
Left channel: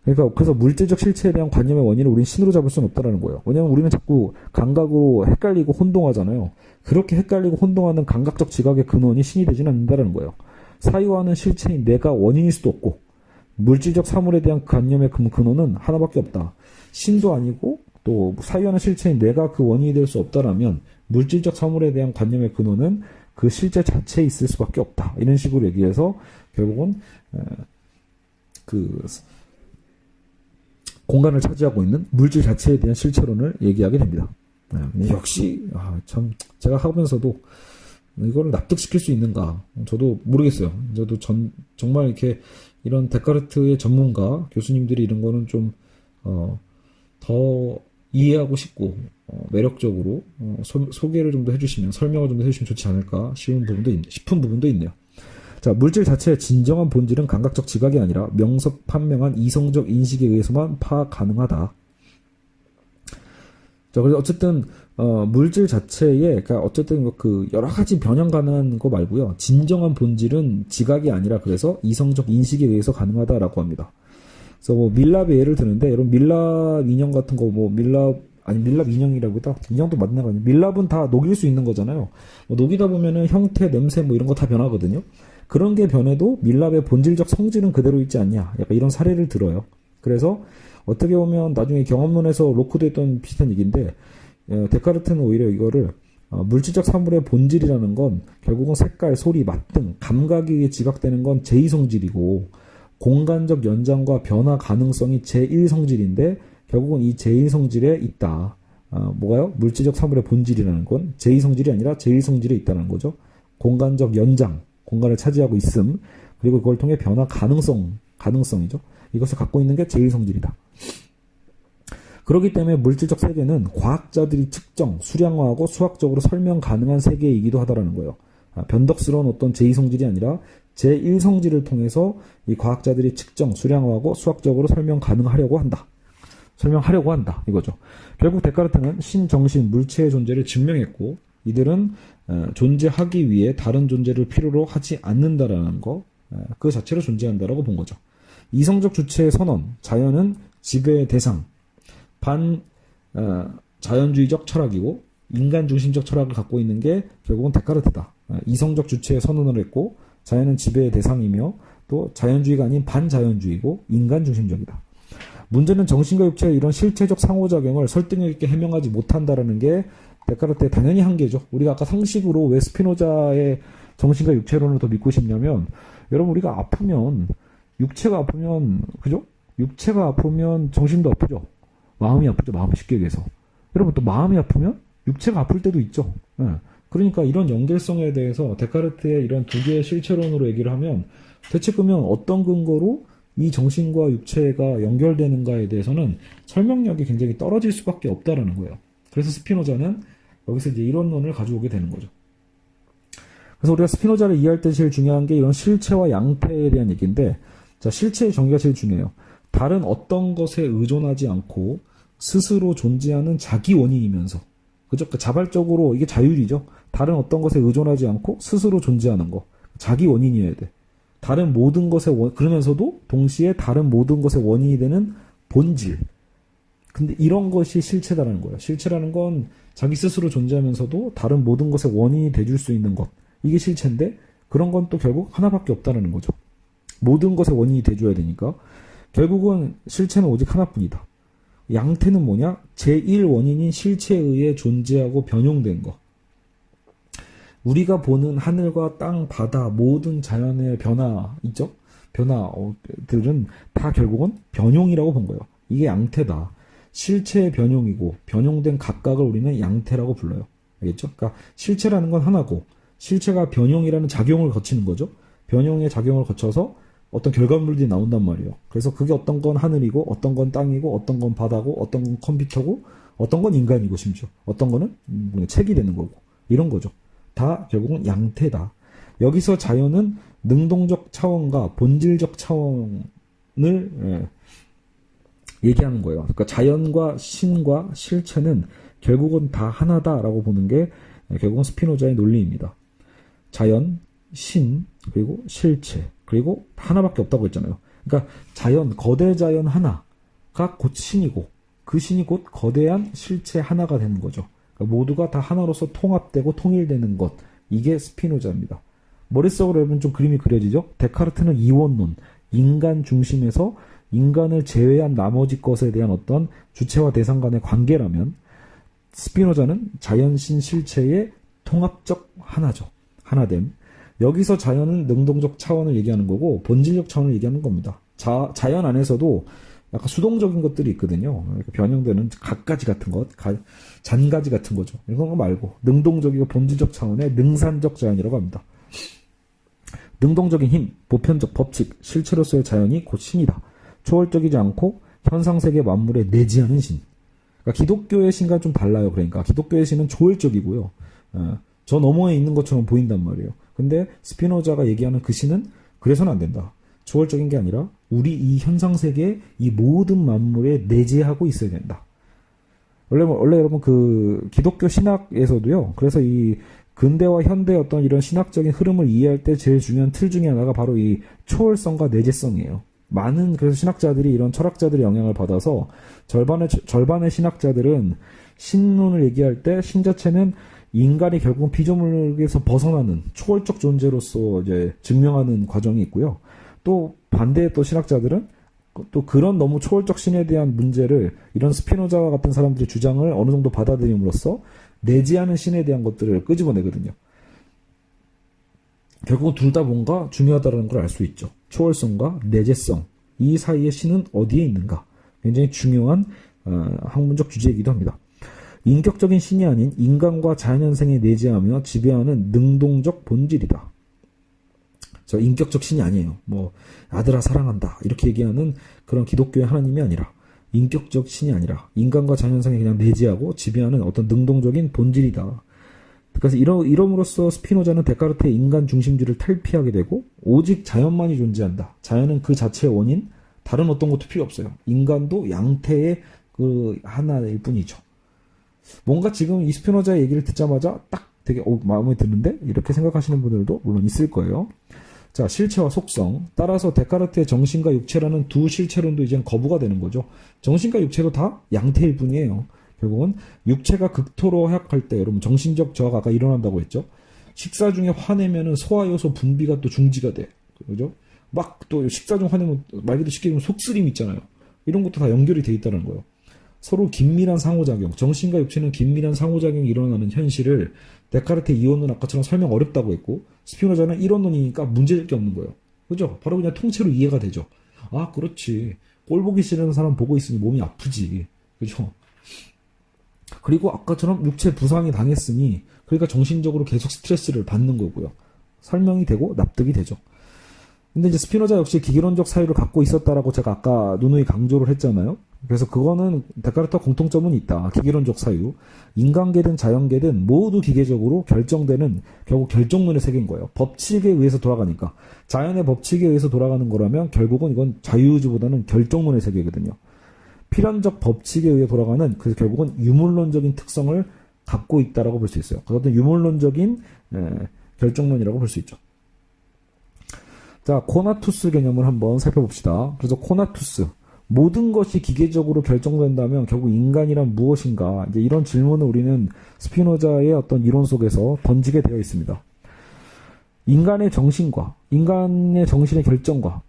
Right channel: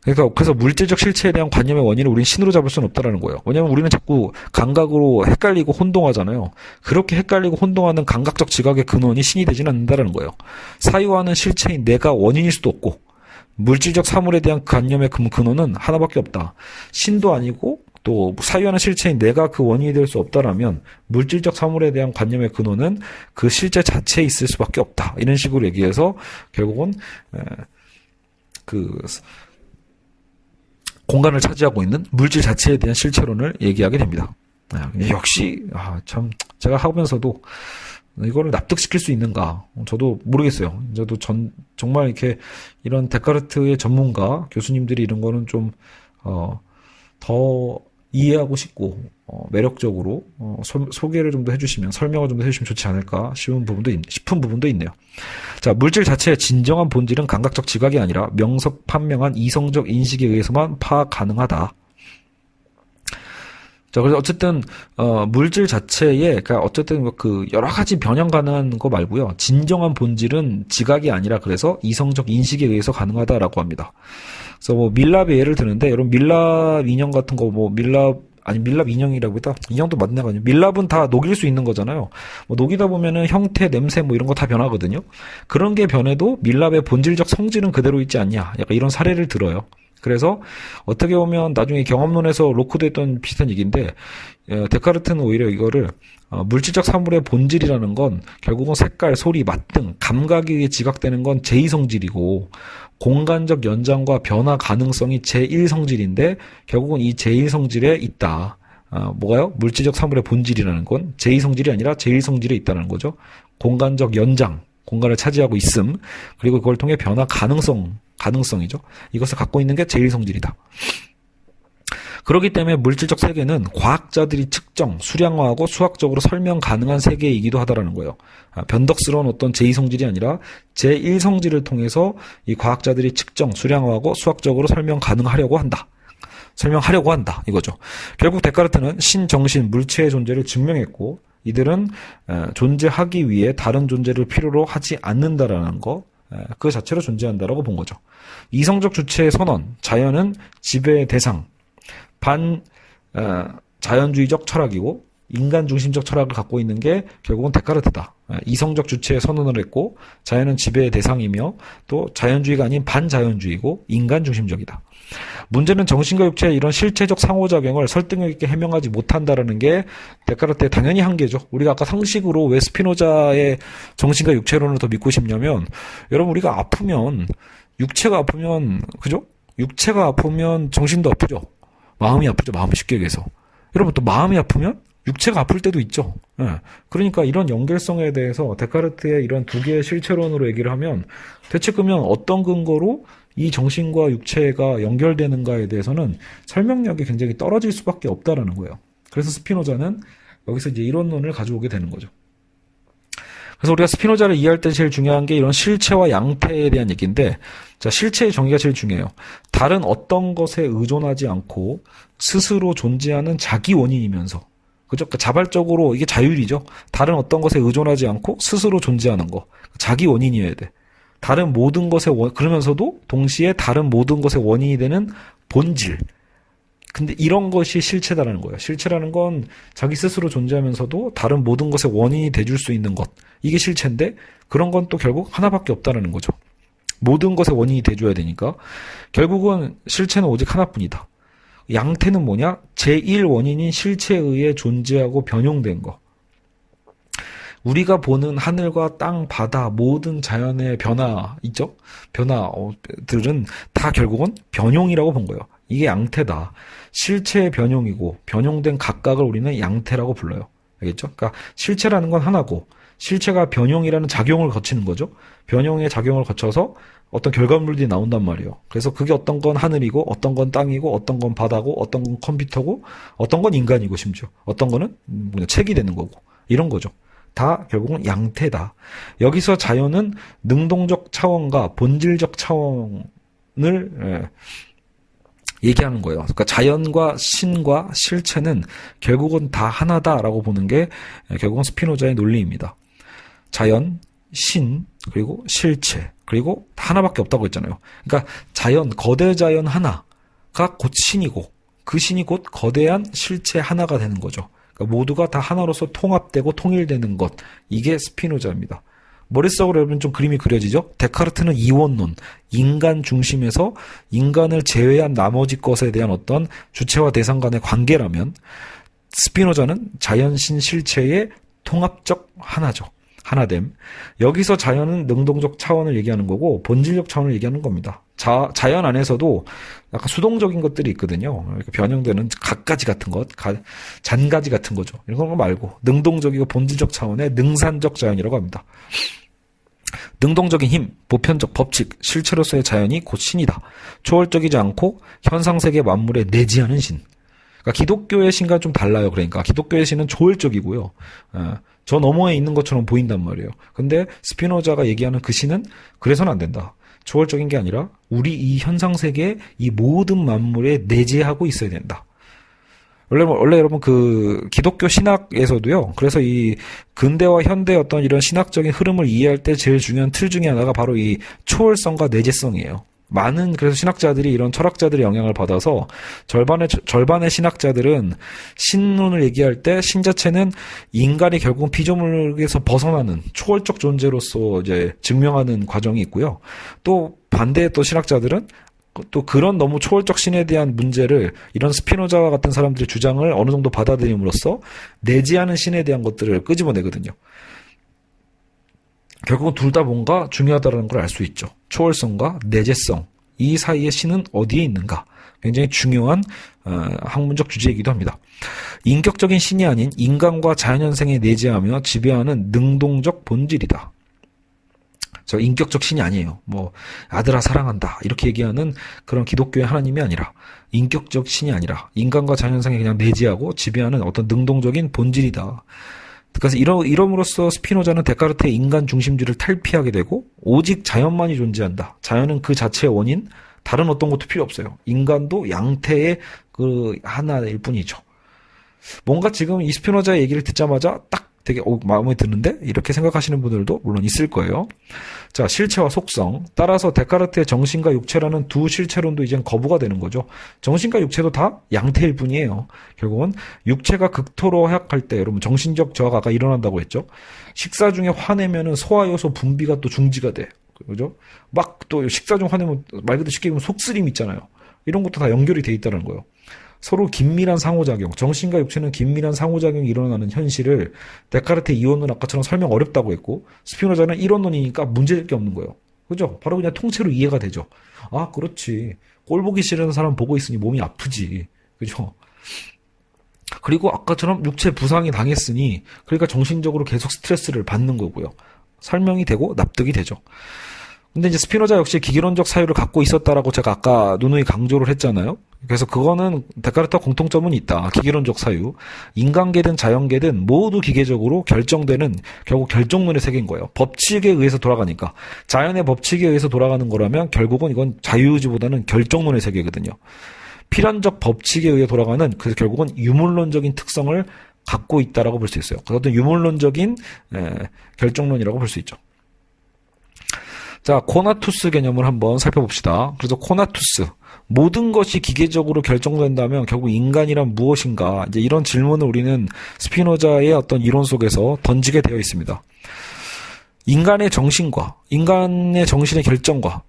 그래서 물질적 실체에 대한 관념의 원인을 우리는 신으로 잡을 수는 없다라는 거예요. 왜냐하면 우리는 자꾸 감각으로 헷갈리고 혼동하잖아요. 그렇게 헷갈리고 혼동하는 감각적 지각의 근원이 신이 되지는 않는다라는 거예요. 사유하는 실체인 내가 원인일 수도 없고 물질적 사물에 대한 관념의 근원은 하나밖에 없다. 신도 아니고 또 사유하는 실체인 내가 그 원인이 될 수 없다라면 물질적 사물에 대한 관념의 근원은 그 실제 자체에 있을 수밖에 없다. 이런 식으로 얘기해서 결국은 공간을 차지하고 있는 물질 자체에 대한 실체론을 얘기하게 됩니다. 역시 참 제가 하면서도 이거를 납득시킬 수 있는가 저도 모르겠어요. 저도 정말 이렇게 이런 데카르트의 전문가 교수님들이 이런 거는 좀 더 이해하고 싶고 매력적으로 소개를 좀 더 해주시면 설명을 좀 더 해주시면 좋지 않을까 싶은 부분도 있네요. 자, 물질 자체의 진정한 본질은 감각적 지각이 아니라 명석판명한 이성적 인식에 의해서만 파악 가능하다. 자, 그래서 어쨌든 물질 자체에 그러니까 어쨌든 여러 가지 변형 가능한 거 말고요. 진정한 본질은 지각이 아니라 그래서 이성적 인식에 의해서 가능하다라고 합니다. 그래서 밀랍의 예를 드는데 여러분 밀랍 인형 같은 거 밀랍 인형이라고 했다. 인형도 맞는 거 아니에요. 밀랍은 다 녹일 수 있는 거잖아요. 녹이다 보면은 형태, 냄새 이런 거 다 변하거든요. 그런 게 변해도 밀랍의 본질적 성질은 그대로 있지 않냐. 약간 이런 사례를 들어요. 그래서 어떻게 보면 나중에 경험론에서 로크됐던 비슷한 얘기인데 데카르트는 오히려 이거를 물질적 사물의 본질이라는 건 결국은 색깔, 소리, 맛 등 감각에 의해 지각되는 건 제2성질이고 공간적 연장과 변화 가능성이 제1성질인데 결국은 이 제1성질에 있다. 뭐가요? 물질적 사물의 본질이라는 건 제2성질이 아니라 제1성질에 있다는 거죠. 공간적 연장, 공간을 차지하고 있음, 그리고 그걸 통해 변화 가능성이죠. 이것을 갖고 있는 게 제1성질이다. 그렇기 때문에 물질적 세계는 과학자들이 측정, 수량화하고 수학적으로 설명 가능한 세계이기도 하다라는 거예요. 변덕스러운 어떤 제2성질이 아니라 제1성질을 통해서 이 과학자들이 측정, 수량화하고 수학적으로 설명하려고 한다. 이거죠. 결국 데카르트는 신정신, 물체의 존재를 증명했고 이들은 존재하기 위해 다른 존재를 필요로 하지 않는다라는 거, 그 자체로 존재한다라고 본 거죠. 이성적 주체의 선언, 자연은 지배의 대상, 자연주의적 철학이고 인간 중심적 철학을 갖고 있는 게 결국은 데카르트다. 이성적 주체에 선언을 했고 자연은 지배의 대상이며 또 자연주의가 아닌 반자연주의고 인간 중심적이다. 문제는 정신과 육체의 이런 실체적 상호작용을 설득력 있게 해명하지 못한다라는 게 데카르트의 당연히 한계죠. 우리가 아까 상식으로 왜 스피노자의 정신과 육체론을 더 믿고 싶냐면 여러분 우리가 아프면 육체가 아프면 그죠? 육체가 아프면 정신도 아프죠. 마음이 아프죠. 마음이 쉽게 얘기해서. 여러분 또 마음이 아프면 육체가 아플 때도 있죠. 예. 그러니까 이런 연결성에 대해서 데카르트의 이런 두 개의 실체론으로 얘기를 하면 대체 그러면 어떤 근거로 이 정신과 육체가 연결되는가에 대해서는 설명력이 굉장히 떨어질 수밖에 없다라는 거예요. 그래서 스피노자는 여기서 이제 이론론을 가져오게 되는 거죠. 그래서 우리가 스피노자를 이해할 때 제일 중요한 게 이런 실체와 양태에 대한 얘기인데, 자, 실체의 정의가 제일 중요해요. 다른 어떤 것에 의존하지 않고 스스로 존재하는 자기 원인이면서, 그죠? 그러니까 자발적으로 이게 자율이죠. 다른 어떤 것에 의존하지 않고 스스로 존재하는 거, 자기 원인이어야 돼. 다른 모든 것의 그러면서도 동시에 다른 모든 것의 원인이 되는 본질. 근데 이런 것이 실체다라는 거예요. 실체라는 건 자기 스스로 존재하면서도 다른 모든 것의 원인이 돼줄 수 있는 것. 이게 실체인데 그런 건 또 결국 하나밖에 없다라는 거죠. 모든 것의 원인이 돼줘야 되니까 결국은 실체는 오직 하나뿐이다. 양태는 뭐냐? 제1원인인 실체에 의해 존재하고 변용된 거. 우리가 보는 하늘과 땅, 바다, 모든 자연의 변화 있죠? 변화들은 다 결국은 변용이라고 본 거예요. 이게 양태다. 실체의 변용이고 변용된 각각을 우리는 양태라고 불러요. 알겠죠? 그러니까 실체라는 건 하나고 실체가 변용이라는 작용을 거치는 거죠. 변용의 작용을 거쳐서 어떤 결과물들이 나온단 말이에요. 그래서 그게 어떤 건 하늘이고 어떤 건 땅이고 어떤 건 바다고 어떤 건 컴퓨터고 어떤 건 인간이고 심지어 어떤 거는 책이 되는 거고 이런 거죠. 다 결국은 양태다. 여기서 자연은 능동적 차원과 본질적 차원을 얘기하는 거예요. 그러니까 자연과 신과 실체는 결국은 다 하나다라고 보는 게 결국은 스피노자의 논리입니다. 자연, 신, 그리고 실체, 그리고 하나밖에 없다고 했잖아요. 그러니까 자연, 거대 자연 하나가 곧 신이고 그 신이 곧 거대한 실체 하나가 되는 거죠. 그러니까 모두가 다 하나로서 통합되고 통일되는 것. 이게 스피노자입니다. 머릿속으로 여러분 좀 그림이 그려지죠? 데카르트는 이원론, 인간 중심에서 인간을 제외한 나머지 것에 대한 어떤 주체와 대상 간의 관계라면 스피노자는 자연신 실체의 통합적 하나죠. 하나됨. 여기서 자연은 능동적 차원을 얘기하는 거고 본질적 차원을 얘기하는 겁니다. 자연 안에서도 약간 수동적인 것들이 있거든요. 이렇게 변형되는 갖가지 같은 것, 잔가지 같은 거죠. 이런 거 말고 능동적이고 본질적 차원의 능산적 자연이라고 합니다. 능동적인 힘, 보편적 법칙, 실체로서의 자연이 곧 신이다. 초월적이지 않고 현상세계 만물에 내지하는 신. 그러니까 기독교의 신과 좀 달라요. 그러니까 기독교의 신은 초월적이고요. 저 너머에 있는 것처럼 보인단 말이에요. 근데 스피노자가 얘기하는 그 신은 그래서는 안 된다. 초월적인 게 아니라 우리 이 현상세계에 이 모든 만물에 내재하고 있어야 된다. 원래 여러분 그 기독교 신학에서도요. 그래서 이 근대와 현대 어떤 이런 신학적인 흐름을 이해할 때 제일 중요한 틀 중에 하나가 바로 이 초월성과 내재성이에요. 많은 그래서 신학자들이 이런 철학자들의 영향을 받아서 절반의 신학자들은 신론을 얘기할 때 신 자체는 인간이 결국은 피조물에서 벗어나는 초월적 존재로서 이제 증명하는 과정이 있고요. 또 반대의 또 신학자들은 또 그런 너무 초월적 신에 대한 문제를 이런 스피노자와 같은 사람들의 주장을 어느 정도 받아들임으로써 내재하는 신에 대한 것들을 끄집어내거든요. 결국은 둘 다 뭔가 중요하다는 걸 알 수 있죠. 초월성과 내재성, 이 사이의 신은 어디에 있는가? 굉장히 중요한 학문적 주제이기도 합니다. 인격적인 신이 아닌 인간과 자연현생에 내재하며 지배하는 능동적 본질이다. 저 인격적 신이 아니에요. 뭐 아들아 사랑한다 이렇게 얘기하는 그런 기독교의 하나님이 아니라 인격적 신이 아니라 인간과 자연현생에 그냥 내재하고 지배하는 어떤 능동적인 본질이다. 그래서 이럼으로써 스피노자는 데카르트의 인간 중심주의를 탈피하게 되고 오직 자연만이 존재한다. 자연은 그 자체의 원인, 다른 어떤 것도 필요 없어요. 인간도 양태의 그 하나일 뿐이죠. 뭔가 지금 이 스피노자의 얘기를 듣자마자 딱 되게 마음에 드는데? 이렇게 생각하시는 분들도 물론 있을 거예요. 자, 실체와 속성. 따라서 데카르트의 정신과 육체라는 두 실체론도 이젠 거부가 되는 거죠. 정신과 육체도 다 양태일 뿐이에요. 결국은 육체가 극토로 허약할 때 여러분 정신적 저하가 일어난다고 했죠. 식사 중에 화내면은 소화효소 분비가 또 중지가 돼. 그죠? 막 또 식사 중 화내면 말 그대로 쉽게 보면 속쓰림 있잖아요. 이런 것도 다 연결이 돼 있다는 거예요. 서로 긴밀한 상호작용, 정신과 육체는 긴밀한 상호작용이 일어나는 현실을 데카르트의 이원론 아까처럼 설명 어렵다고 했고 스피노자는 이론론이니까 문제될 게 없는 거예요. 그죠? 바로 그냥 통째로 이해가 되죠. 아, 그렇지. 꼴 보기 싫은 사람 보고 있으니 몸이 아프지. 그죠? 그리고 아까처럼 육체 부상이 당했으니 그러니까 정신적으로 계속 스트레스를 받는 거고요. 설명이 되고 납득이 되죠. 근데 이제 스피노자 역시 기계론적 사유를 갖고 있었다라고 제가 아까 누누이 강조를 했잖아요. 그래서 그거는 데카르트와 공통점은 있다. 기계론적 사유. 인간계든 자연계든 모두 기계적으로 결정되는 결국 결정론의 세계인 거예요. 법칙에 의해서 돌아가니까. 자연의 법칙에 의해서 돌아가는 거라면 결국은 이건 자유의지보다는 결정론의 세계거든요. 필연적 법칙에 의해 돌아가는 그래서 결국은 유물론적인 특성을 갖고 있다라고 볼 수 있어요. 그것도 유물론적인 결정론이라고 볼 수 있죠. 자, 코나투스 개념을 한번 살펴봅시다. 그래서 코나투스. 모든 것이 기계적으로 결정된다면 결국 인간이란 무엇인가? 이제 이런 질문을 우리는 스피노자의 어떤 이론 속에서 던지게 되어 있습니다. 인간의 정신과 인간의 정신의 결정과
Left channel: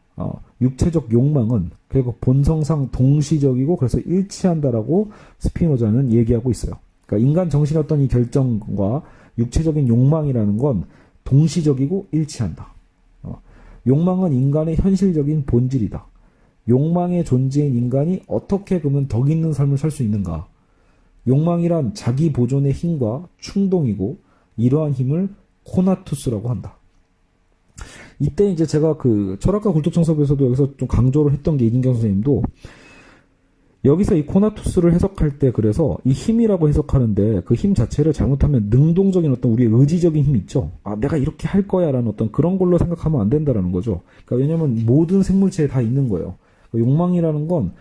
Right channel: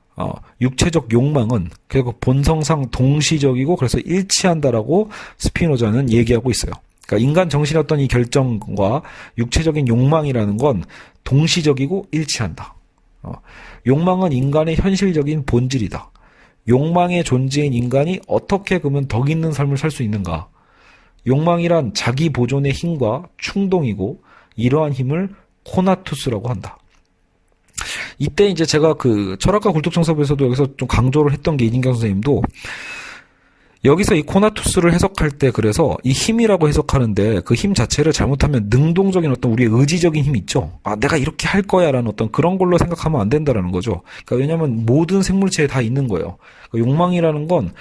육체적 욕망은 결국 본성상 동시적이고 그래서 일치한다라고 스피노자는 얘기하고 있어요. 그러니까 인간 정신의 어떤 이 결정과 육체적인 욕망이라는 건 동시적이고 일치한다. 욕망은 인간의 현실적인 본질이다. 욕망의 존재인 인간이 어떻게 그러면 덕 있는 삶을 살 수 있는가? 욕망이란 자기 보존의 힘과 충동이고 이러한 힘을 코나투스라고 한다. 이때 이제 제가 그 철학과 굴뚝청사부에서도 여기서 좀 강조를 했던 게 이진경 선생님도 여기서 이 코나투스를 해석할 때 그래서 이 힘이라고 해석하는데 그 힘 자체를 잘못하면 능동적인 어떤 우리의 의지적인 힘이 있죠. 아, 내가 이렇게 할 거야 라는 어떤 그런 걸로 생각하면 안 된다라는 거죠. 그러니까 왜냐하면 모든 생물체에 다 있는 거예요. 그러니까 욕망이라는 건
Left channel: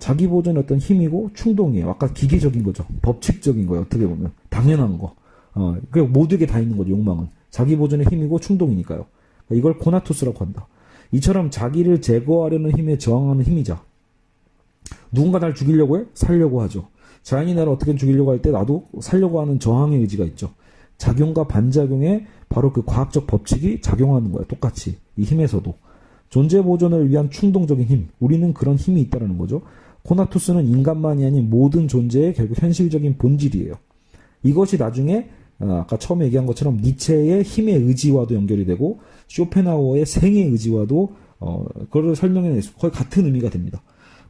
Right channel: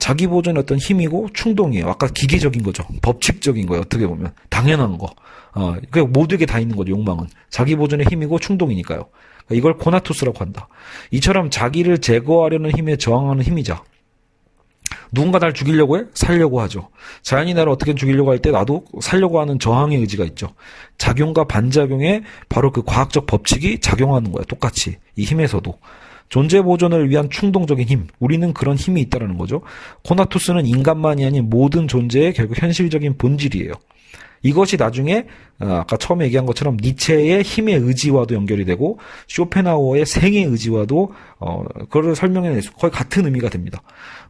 자기 보존의 어떤 힘이고 충동이에요. 아까 기계적인 거죠. 법칙적인 거예요. 어떻게 보면. 당연한 거. 그러니까 모두에게 다 있는 거죠. 욕망은. 자기 보존의 힘이고 충동이니까요. 그러니까 이걸 코나투스라고 한다. 이처럼 자기를 제거하려는 힘에 저항하는 힘이자. 누군가 날 죽이려고 해? 살려고 하죠. 자연이 나를 어떻게 죽이려고 할 때 나도 살려고 하는 저항의 의지가 있죠. 작용과 반작용에 바로 그 과학적 법칙이 작용하는 거야. 똑같이. 이 힘에서도. 존재 보존을 위한 충동적인 힘. 우리는 그런 힘이 있다는 거죠. 코나투스는 인간만이 아닌 모든 존재의 결국 현실적인 본질이에요. 이것이 나중에 아까 처음에 얘기한 것처럼 니체의 힘의 의지와도 연결이 되고 쇼펜하우어의 생의 의지와도 그걸 설명해낼 수 거의 같은 의미가 됩니다.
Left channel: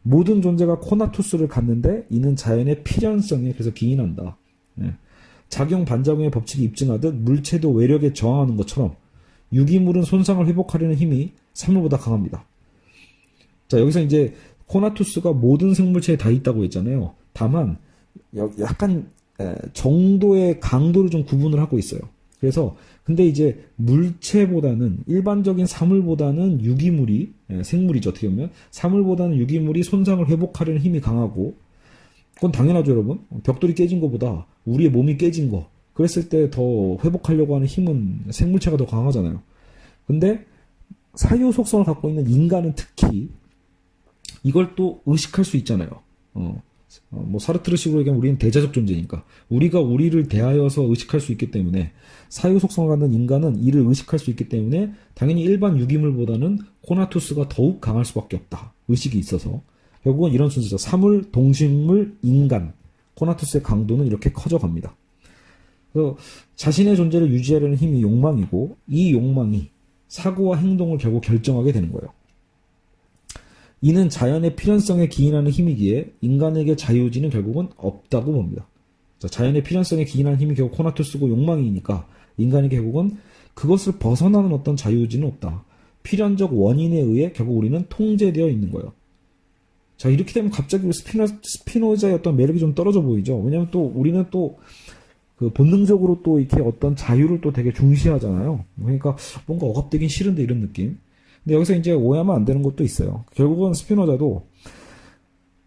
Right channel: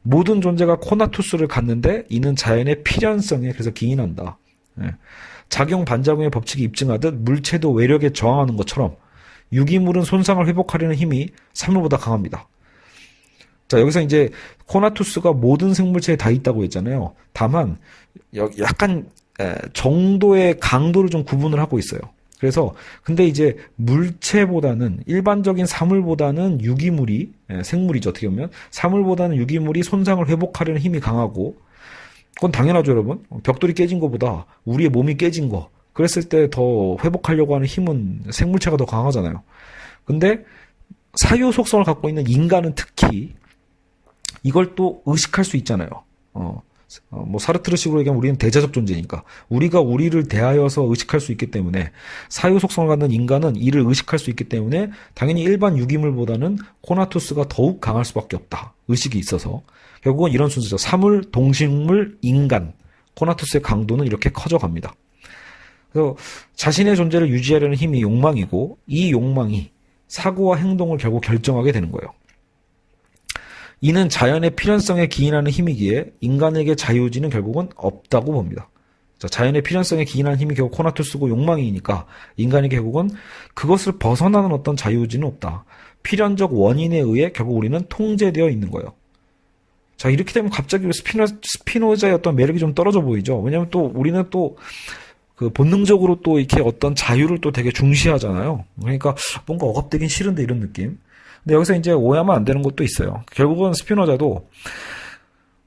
모든 존재가 코나투스를 갖는데 이는 자연의 필연성에 그래서 기인한다. 작용 반작용의 법칙이 입증하듯 물체도 외력에 저항하는 것처럼 유기물은 손상을 회복하려는 힘이 사물보다 강합니다. 자, 여기서 이제 코나투스가 모든 생물체에 다 있다고 했잖아요. 다만 약간 정도의 강도를 좀 구분을 하고 있어요. 그래서 근데 이제 물체보다는 일반적인 사물보다는 유기물이 생물이죠. 어떻게 보면 사물보다는 유기물이 손상을 회복하려는 힘이 강하고 그건 당연하죠, 여러분. 벽돌이 깨진 것보다 우리의 몸이 깨진 거 그랬을 때 더 회복하려고 하는 힘은 생물체가 더 강하잖아요. 근데 사유 속성을 갖고 있는 인간은 특히 이걸 또 의식할 수 있잖아요. 뭐 사르트르식으로 얘기하면 우리는 대자적 존재니까 우리가 우리를 대하여서 의식할 수 있기 때문에 사유 속성을 갖는 인간은 이를 의식할 수 있기 때문에 당연히 일반 유기물보다는 코나투스가 더욱 강할 수밖에 없다. 의식이 있어서 결국은 이런 순서죠. 사물, 동식물, 인간 코나투스의 강도는 이렇게 커져갑니다. 그래서 자신의 존재를 유지하려는 힘이 욕망이고 이 욕망이 사고와 행동을 결국 결정하게 되는 거예요. 이는 자연의 필연성에 기인하는 힘이기에 인간에게 자유의지는 결국은 없다고 봅니다. 자, 자연의 필연성에 기인하는 힘이 결국 코나투스고 욕망이니까 인간에게 결국은 그것을 벗어나는 어떤 자유의지는 없다. 필연적 원인에 의해 결국 우리는 통제되어 있는 거예요. 자, 이렇게 되면 갑자기 스피노자의 어떤 매력이 좀 떨어져 보이죠. 왜냐하면 또 우리는 또 그 본능적으로 또 이렇게 어떤 자유를 또 되게 중시하잖아요. 그러니까 뭔가 억압되긴 싫은데 이런 느낌. 근데 여기서 이제 오해하면 안 되는 것도 있어요. 결국은 스피노자도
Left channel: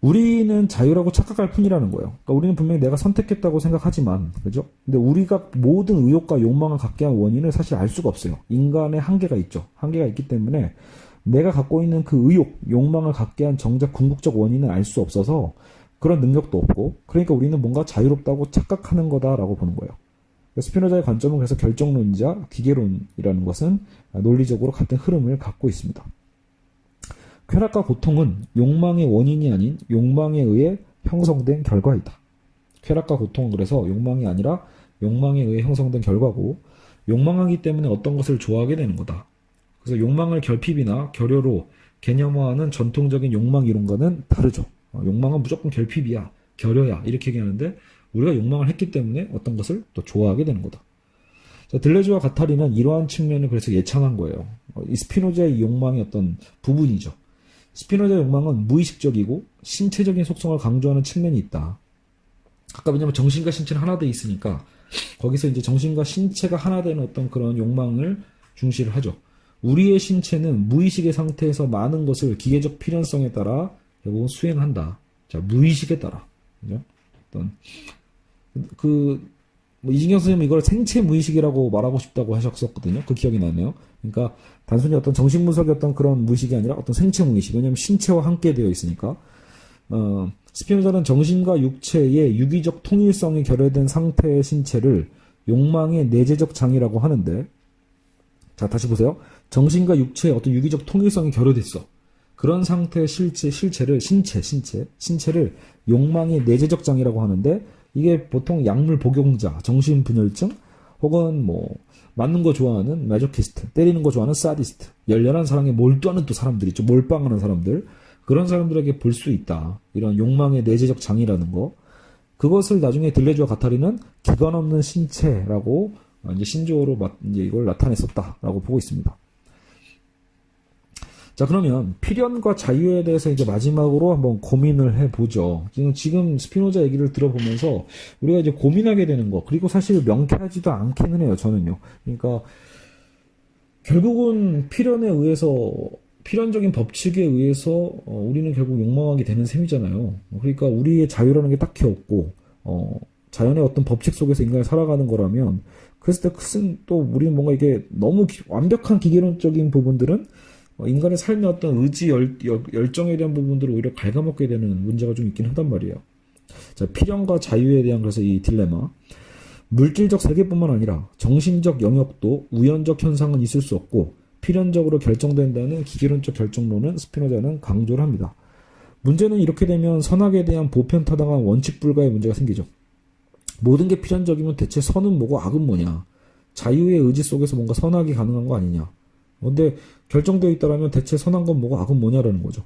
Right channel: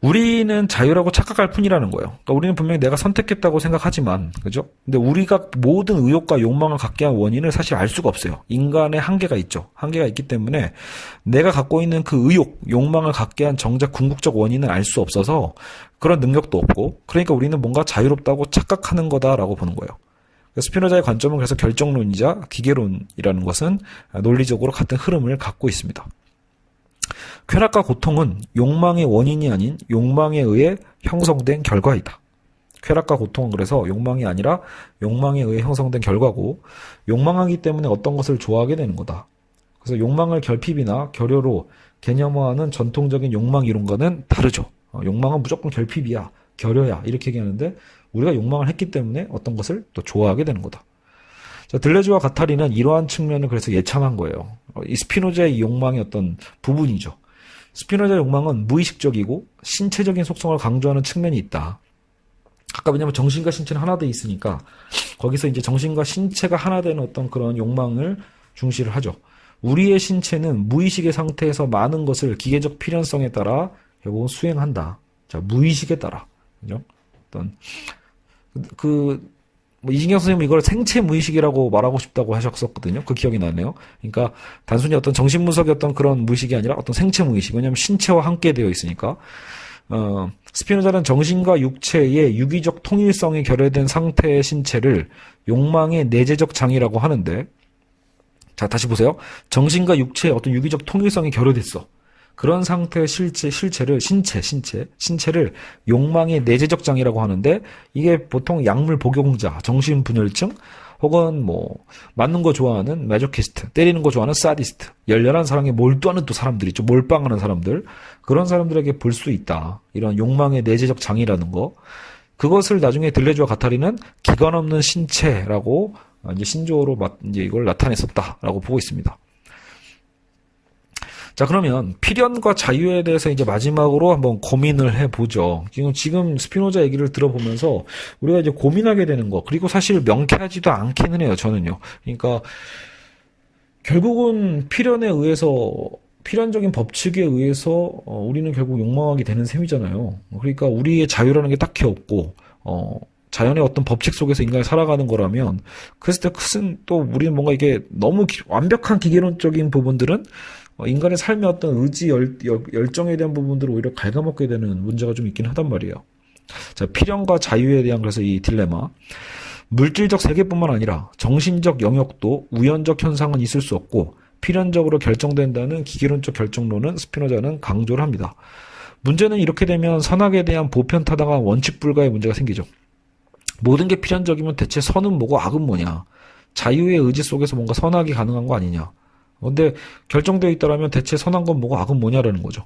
우리는 자유라고 착각할 뿐이라는 거예요. 그러니까 우리는 분명히 내가 선택했다고 생각하지만, 그죠? 근데 우리가 모든 의욕과 욕망을 갖게 한 원인을 사실 알 수가 없어요. 인간의 한계가 있죠. 한계가 있기 때문에 내가 갖고 있는 그 의욕, 욕망을 갖게 한 정작 궁극적 원인을 알 수 없어서 그런 능력도 없고, 그러니까 우리는 뭔가 자유롭다고 착각하는 거다라고 보는 거예요. 스피노자의 관점은 그래서 결정론이자 기계론이라는 것은 논리적으로 같은 흐름을 갖고 있습니다. 쾌락과 고통은 욕망의 원인이 아닌 욕망에 의해 형성된 결과이다. 쾌락과 고통은 그래서 욕망이 아니라 욕망에 의해 형성된 결과고, 욕망하기 때문에 어떤 것을 좋아하게 되는 거다. 그래서 욕망을 결핍이나 결여로 개념화하는 전통적인 욕망 이론과는 다르죠. 욕망은 무조건 결핍이야, 결여야 이렇게 얘기하는데, 우리가 욕망을 했기 때문에 어떤 것을 또 좋아하게 되는 거다. 자, 들레즈와 가타리는 이러한 측면을 그래서 예찬한 거예요. 이 스피노자의 이 욕망의 어떤 부분이죠. 스피노자의 욕망은 무의식적이고 신체적인 속성을 강조하는 측면이 있다. 아까 왜냐면 정신과 신체는 하나 돼 있으니까 거기서 이제 정신과 신체가 하나 되는 어떤 그런 욕망을 중시를 하죠. 우리의 신체는 무의식의 상태에서 많은 것을 기계적 필연성에 따라 결국은 수행한다. 자, 무의식에 따라. 그죠? 어떤 이진경 선생님은 이걸 생체 무의식이라고 말하고 싶다고 하셨었거든요. 그 기억이 나네요. 그러니까 단순히 어떤 정신분석의 어떤 그런 무의식이 아니라 어떤 생체 무의식. 왜냐하면 신체와 함께 되어 있으니까. 스피노자는 정신과 육체의 유기적 통일성이 결여된 상태의 신체를 욕망의 내재적 장이라고 하는데, 자, 다시 보세요. 정신과 육체의 어떤 유기적 통일성이 결여됐어. 그런 상태의 신체를 욕망의 내재적 장이라고 하는데, 이게 보통 약물 복용자, 정신분열증, 혹은 맞는 거 좋아하는 마조키스트, 때리는 거 좋아하는 사디스트, 열렬한 사랑에 몰두하는 또 사람들 있죠. 몰빵하는 사람들. 그런 사람들에게 볼 수 있다. 이런 욕망의 내재적 장이라는 거. 그것을 나중에 들레즈와 가타리는 기관 없는 신체라고 이제 신조어로 이제 이걸 나타냈었다라고 보고 있습니다. 자, 그러면 필연과 자유에 대해서 이제 마지막으로 한번 고민을 해보죠. 지금 스피노자 얘기를 들어보면서 우리가 이제 고민하게 되는 거, 그리고 사실 명쾌하지도 않기는 해요, 저는요. 그러니까 결국은 필연에 의해서, 필연적인 법칙에 의해서 우리는 결국 욕망하게 되는 셈이잖아요. 그러니까 우리의 자유라는 게 딱히 없고, 자연의 어떤 법칙 속에서 인간이 살아가는 거라면, 그랬을 때 큰 또 우리는 뭔가 이게 너무 완벽한 기계론적인 부분들은 인간의 삶의 어떤 의지, 열정에 대한 부분들을 오히려 갉아먹게 되는 문제가 좀 있긴 하단 말이에요. 자, 필연과 자유에 대한 그래서 이 딜레마. 물질적 세계뿐만 아니라 정신적 영역도 우연적 현상은 있을 수 없고 필연적으로 결정된다는 기계론적 결정론은 스피노자는 강조를 합니다. 문제는 이렇게 되면 선악에 대한 보편타당한 원칙 불가의 문제가 생기죠. 모든 게 필연적이면 대체 선은 뭐고 악은 뭐냐. 자유의 의지 속에서 뭔가 선악이 가능한 거 아니냐. 근데 결정되어 있다라면 대체 선한 건 뭐고 악은 뭐냐라는 거죠.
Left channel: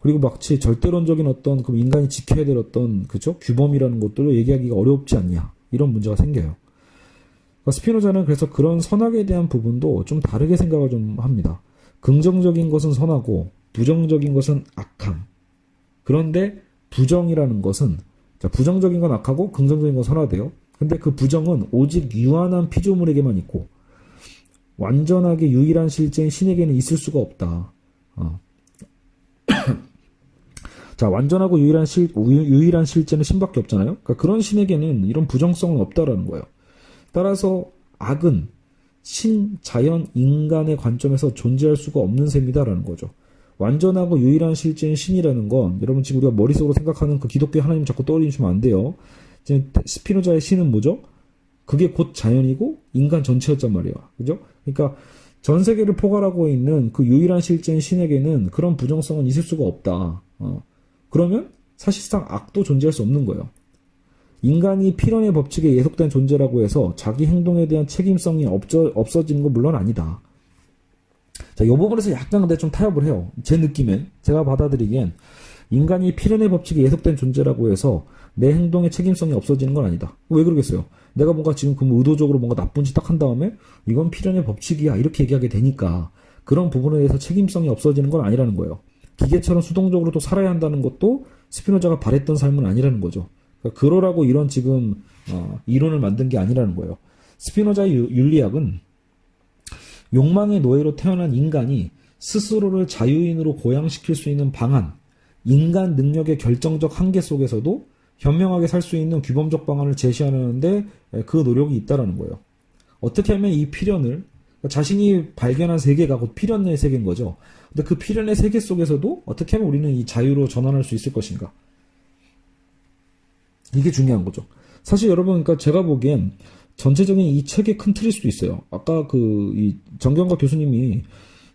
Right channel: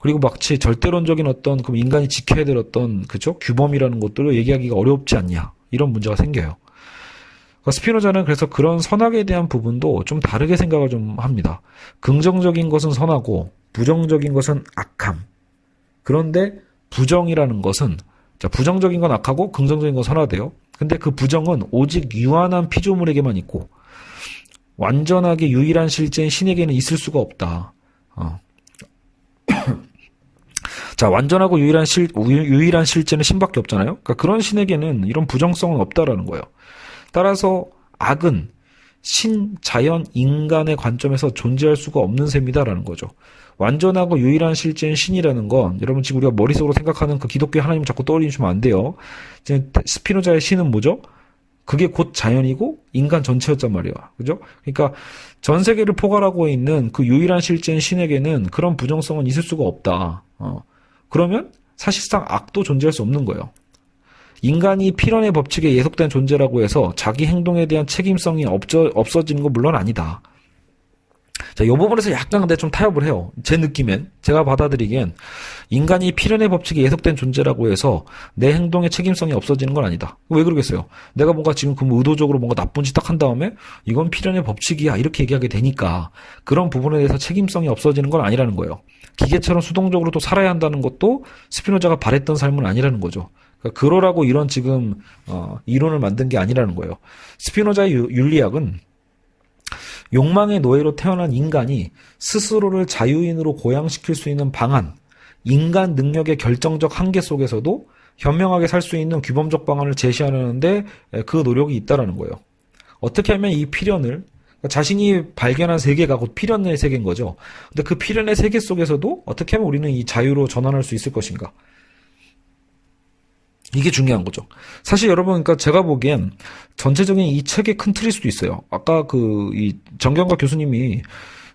그리고 마치 절대론적인 어떤 그 인간이 지켜야 될 어떤 그죠? 규범이라는 것들을 얘기하기가 어렵지 않냐. 이런 문제가 생겨요. 그러니까 스피노자는 그래서 그런 선악에 대한 부분도 좀 다르게 생각을 좀 합니다. 긍정적인 것은 선하고 부정적인 것은 악함. 그런데 부정이라는 것은, 자, 부정적인 건 악하고 긍정적인 건 선하대요. 근데 그 부정은 오직 유한한 피조물에게만 있고 완전하게 유일한 실제인 신에게는 있을 수가 없다. 자, 완전하고 유일한 실제는 신밖에 없잖아요. 그러니까 그런 신에게는 이런 부정성은 없다라는 거예요. 따라서 악은 신, 자연, 인간의 관점에서 존재할 수가 없는 셈이다라는 거죠. 완전하고 유일한 실제인 신이라는 건 여러분 지금 우리가 머릿속으로 생각하는 그 기독교 하나님 자꾸 떠올리시면 안 돼요. 지금 스피노자의 신은 뭐죠? 그게 곧 자연이고 인간 전체였단 말이야. 그죠? 그러니까 전 세계를 포괄하고 있는 그 유일한 실제인 신에게는 그런 부정성은 있을 수가 없다. 그러면 사실상 악도 존재할 수 없는 거예요. 인간이 필연의 법칙에 예속된 존재라고 해서 자기 행동에 대한 책임성이 없어지는 건 물론 아니다. 자, 이 부분에서 약간 근데 좀 타협을 해요. 제 느낌엔, 제가 받아들이기엔 인간이 필연의 법칙에 예속된 존재라고 해서 내 행동의 책임성이 없어지는 건 아니다. 왜 그러겠어요? 내가 뭔가 지금 의도적으로 뭔가 나쁜 짓 딱 한 다음에 이건 필연의 법칙이야 이렇게 얘기하게 되니까 그런 부분에 대해서 책임성이 없어지는 건 아니라는 거예요. 기계처럼 수동적으로 또 살아야 한다는 것도 스피노자가 바랬던 삶은 아니라는 거죠. 그러니까 그러라고 이런 지금 이론을 만든 게 아니라는 거예요. 스피노자의 윤리학은 욕망의 노예로 태어난 인간이 스스로를 자유인으로 고양시킬 수 있는 방안, 인간 능력의 결정적 한계 속에서도 현명하게 살 수 있는 규범적 방안을 제시하는데 그 노력이 있다라는 거예요. 어떻게 하면 이 필연을 자신이 발견한 세계가 곧 필연의 세계인 거죠. 근데 그 필연의 세계 속에서도 어떻게 하면 우리는 이 자유로 전환할 수 있을 것인가? 이게 중요한 거죠. 사실 여러분, 그러니까 제가 보기엔 전체적인 이 책의 큰 틀일 수도 있어요. 아까 이 정경각 교수님이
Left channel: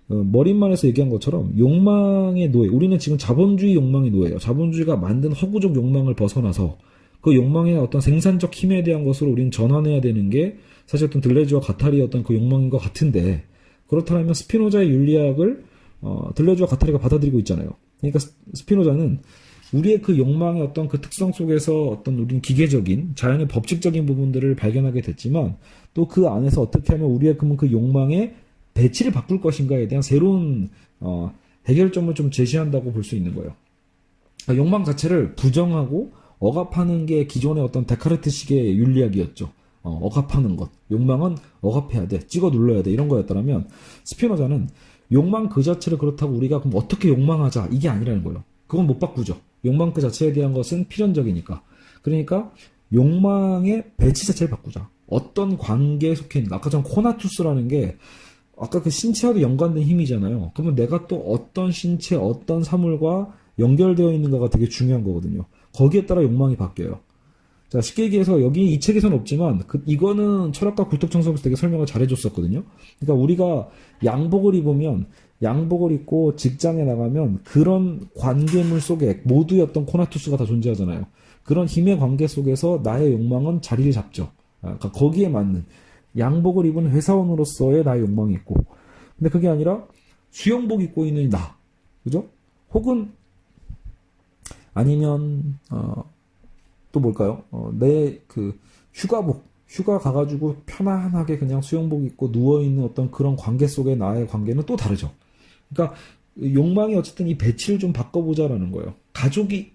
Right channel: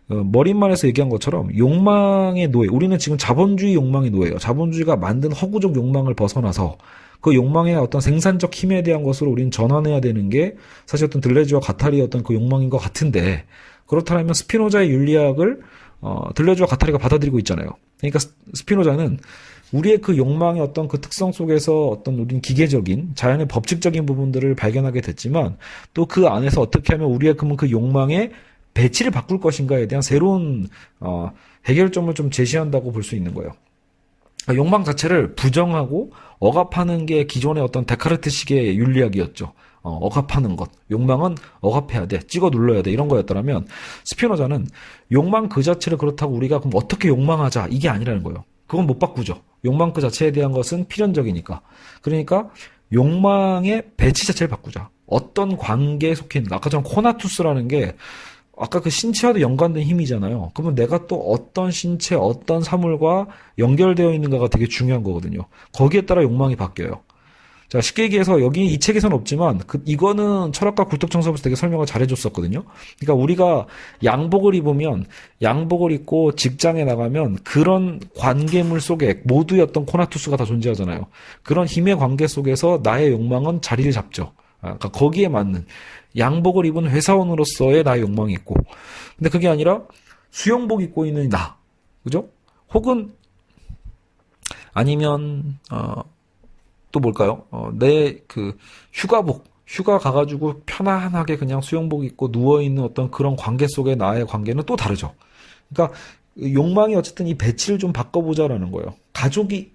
머릿말에서 얘기한 것처럼 욕망의 노예, 우리는 지금 자본주의 욕망의 노예예요. 자본주의가 만든 허구적 욕망을 벗어나서 그 욕망의 어떤 생산적 힘에 대한 것으로 우리는 전환해야 되는 게 사실 어떤 들레즈와 가타리의 어떤 그 욕망인 것 같은데, 그렇다면 스피노자의 윤리학을 들레즈와 가타리가 받아들이고 있잖아요. 그러니까 스피노자는 우리의 그 욕망의 어떤 그 특성 속에서 어떤 우리는 기계적인 자연의 법칙적인 부분들을 발견하게 됐지만, 또 그 안에서 어떻게 하면 우리의 그 욕망의 배치를 바꿀 것인가에 대한 새로운 해결점을 좀 제시한다고 볼 수 있는 거예요. 그러니까 욕망 자체를 부정하고 억압하는 게 기존의 어떤 데카르트식의 윤리학이었죠. 억압하는 것, 욕망은 억압해야 돼, 찍어 눌러야 돼, 이런 거였더라면 스피노자는 욕망 그 자체를 그렇다고 우리가 그럼 어떻게 욕망하자, 이게 아니라는 거예요. 그건 못 바꾸죠. 욕망 그 자체에 대한 것은 필연적이니까. 그러니까 욕망의 배치 자체를 바꾸자. 어떤 관계에 속해 있는가. 아까처럼 코나투스라는 게 아까 그 신체와도 연관된 힘이잖아요. 그러면 내가 또 어떤 신체, 어떤 사물과 연결되어 있는가가 되게 중요한 거거든요. 거기에 따라 욕망이 바뀌어요. 자, 쉽게 얘기해서 여기 이 책에서는 없지만 이거는 철학과 굴뚝청소에서 되게 설명을 잘해줬었거든요. 그러니까 우리가 양복을 입으면, 양복을 입고 직장에 나가면 그런 관계물 속에 모두의 어떤 코나투스가 다 존재하잖아요. 그런 힘의 관계 속에서 나의 욕망은 자리를 잡죠. 그러니까 거기에 맞는 양복을 입은 회사원으로서의 나의 욕망이 있고, 근데 그게 아니라 수영복 입고 있는 나, 그죠? 혹은 아니면 또 뭘까요? 내 그 휴가 가가지고 편안하게 그냥 수영복 입고 누워있는 어떤 그런 관계 속의 나의 관계는 또 다르죠. 그러니까 욕망이 어쨌든 이 배치를 좀 바꿔보자라는 거예요. 가족이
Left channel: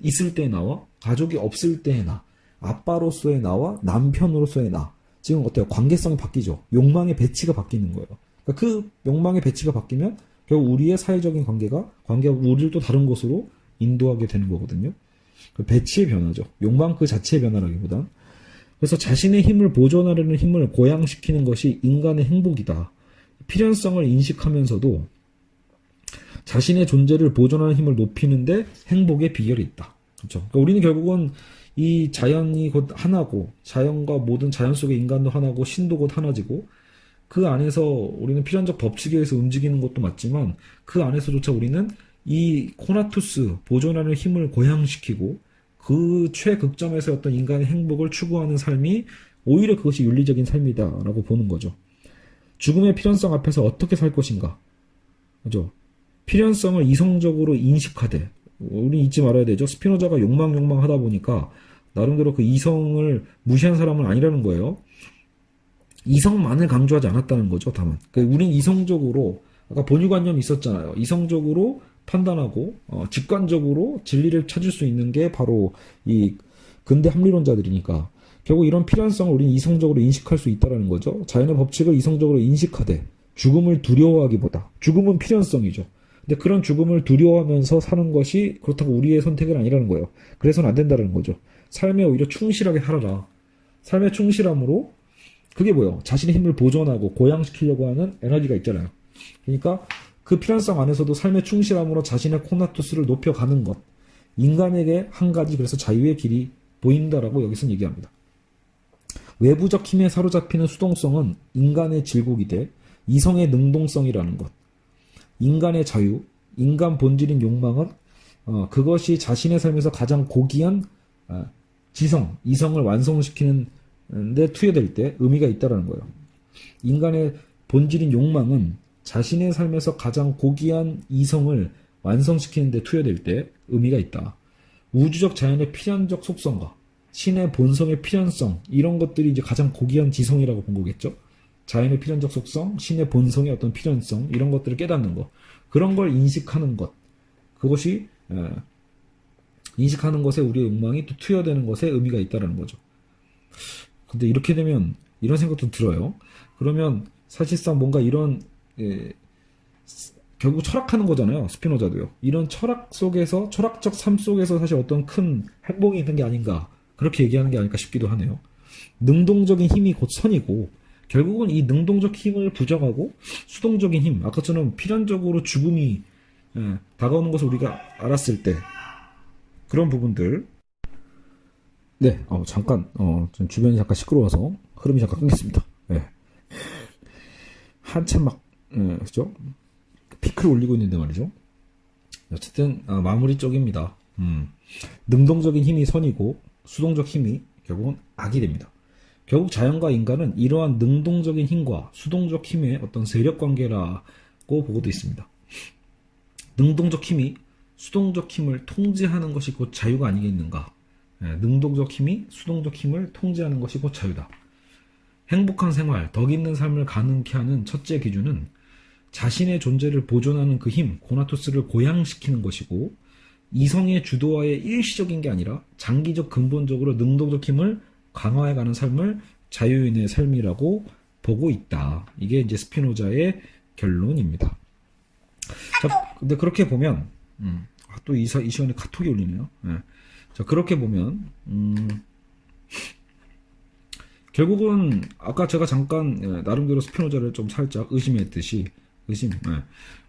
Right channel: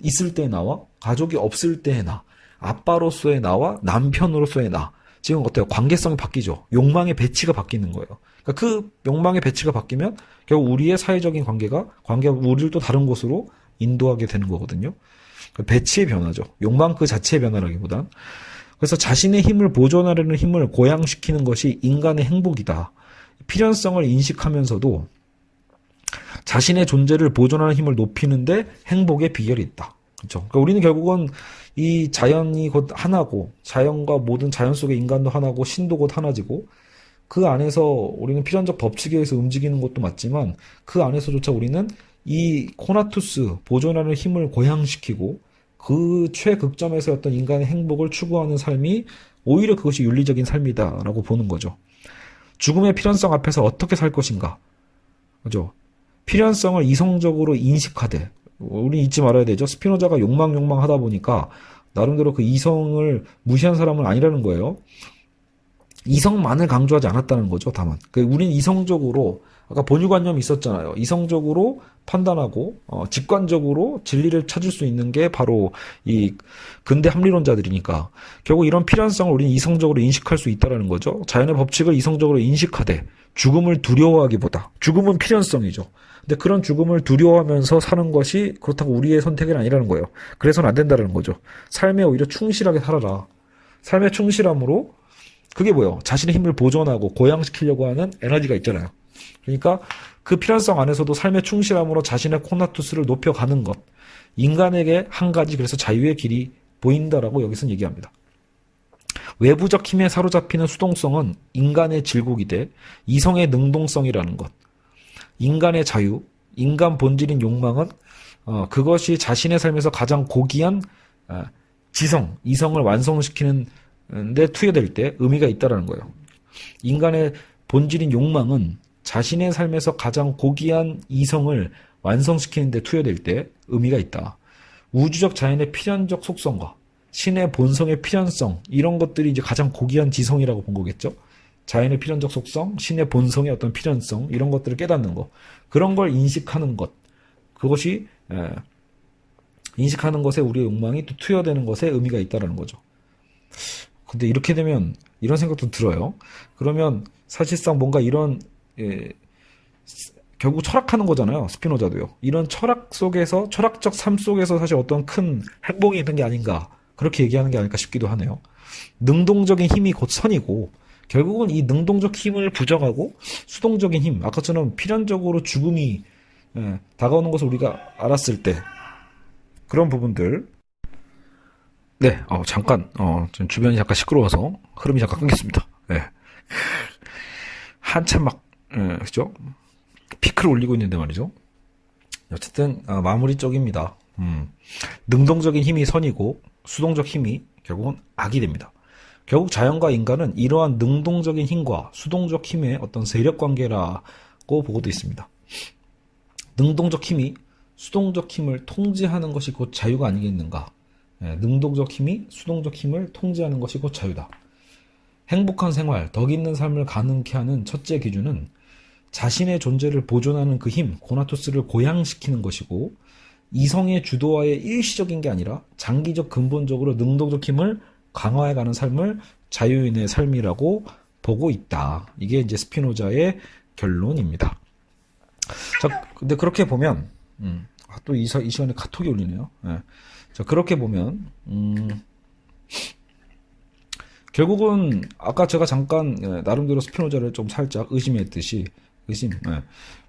있을 때의 나와 가족이 없을 때의 나, 아빠로서의 나와 남편으로서의 나, 지금 어때요? 관계성이 바뀌죠. 욕망의 배치가 바뀌는 거예요. 그러니까 그 욕망의 배치가 바뀌면 결국 우리의 사회적인 관계가 우리를 또 다른 곳으로 인도하게 되는 거거든요. 배치의 변화죠. 욕망 그 자체의 변화라기보단. 그래서 자신의 힘을 보존하려는 힘을 고양시키는 것이 인간의 행복이다. 필연성을 인식하면서도 자신의 존재를 보존하는 힘을 높이는데 행복의 비결이 있다. 그렇죠. 그러니까 우리는 결국은 이 자연이 곧 하나고, 자연과 모든 자연 속의 인간도 하나고, 신도 곧 하나지고, 그 안에서 우리는 필연적 법칙에 의해서 움직이는 것도 맞지만, 그 안에서조차 우리는 이 코나투스, 보존하는 힘을 고양시키고 그 최극점에서 어떤 인간의 행복을 추구하는 삶이 오히려 그것이 윤리적인 삶이다라고 보는 거죠. 죽음의 필연성 앞에서 어떻게 살 것인가, 그죠? 필연성을 이성적으로 인식하되, 우리 잊지 말아야 되죠. 스피노자가 욕망 하다 보니까 나름대로 그 이성을 무시한 사람은 아니라는 거예요. 이성만을 강조하지 않았다는 거죠. 다만 우린 이성적으로, 아까 본유관념이 있었잖아요. 이성적으로 판단하고 직관적으로 진리를 찾을 수 있는 게 바로 이 근대 합리론자들이니까, 결국 이런 필연성을 우리는 이성적으로 인식할 수 있다는 거죠. 자연의 법칙을 이성적으로 인식하되 죽음을 두려워하기보다, 죽음은 필연성이죠. 근데 그런 죽음을 두려워하면서 사는 것이 그렇다고 우리의 선택은 아니라는 거예요. 그래서는 안 된다는 거죠. 삶에 오히려 충실하게 살아라. 삶의 충실함으로, 그게 뭐예요? 자신의 힘을 보존하고 고양시키려고 하는 에너지가 있잖아요. 그러니까 그 필연성 안에서도 삶의 충실함으로 자신의 코나투스를 높여가는 것, 인간에게 한 가지 그래서 자유의 길이 보인다라고 여기서는 얘기합니다. 외부적 힘에 사로잡히는 수동성은 인간의 질곡이되 이성의 능동성이라는 것. 인간의 자유, 인간 본질인 욕망은 그것이 자신의 삶에서 가장 고귀한 지성, 이성을 완성시키는 데 투여될 때 의미가 있다는 거예요. 인간의 본질인 욕망은 자신의 삶에서 가장 고귀한 이성을 완성시키는 데 투여될 때 의미가 있다. 우주적 자연의 필연적 속성과 신의 본성의 필연성, 이런 것들이 이제 가장 고귀한 지성이라고 본 거겠죠. 자연의 필연적 속성, 신의 본성의 어떤 필연성, 이런 것들을 깨닫는 것, 그런 걸 인식하는 것, 그것이 인식하는 것에 우리의 욕망이 또 투여되는 것에 의미가 있다는 거죠. 근데 이렇게 되면 이런 생각도 들어요. 그러면 사실상 뭔가 이런 결국 철학하는 거잖아요. 스피노자도요. 이런 철학 속에서, 철학적 삶 속에서 사실 어떤 큰 행복이 있는 게 아닌가. 그렇게 얘기하는 게 아닐까 싶기도 하네요. 능동적인 힘이 곧 선이고, 결국은 이 능동적 힘을 부정하고 수동적인 힘, 아까처럼 필연적으로 죽음이 다가오는 것을 우리가 알았을 때 그런 부분들. 네, 잠깐 좀 주변이 잠깐 시끄러워서 흐름이 잠깐 끊겠습니다. 네. 한참 막 그죠? 피크를 올리고 있는데 말이죠. 어쨌든 마무리 쪽입니다. 능동적인 힘이 선이고 수동적 힘이 결국은 악이 됩니다. 결국 자연과 인간은 이러한 능동적인 힘과 수동적 힘의 어떤 세력 관계라고 보고도 있습니다. 능동적 힘이 수동적 힘을 통제하는 것이 곧 자유가 아니겠는가. 능동적 힘이 수동적 힘을 통제하는 것이 곧 자유다. 행복한 생활, 덕 있는 삶을 가능케 하는 첫째 기준은 자신의 존재를 보존하는 그 힘, 코나토스를 고양시키는 것이고, 이성의 주도하에 일시적인 게 아니라 장기적 근본적으로 능동적 힘을 강화해가는 삶을 자유인의 삶이라고 보고 있다. 이게 이제 스피노자의 결론입니다. 자, 근데 그렇게 보면, 또 이 시간에 카톡이 울리네요. 자, 그렇게 보면, 결국은, 아까 제가 잠깐, 나름대로 스피노자를 좀 살짝 의심했듯이,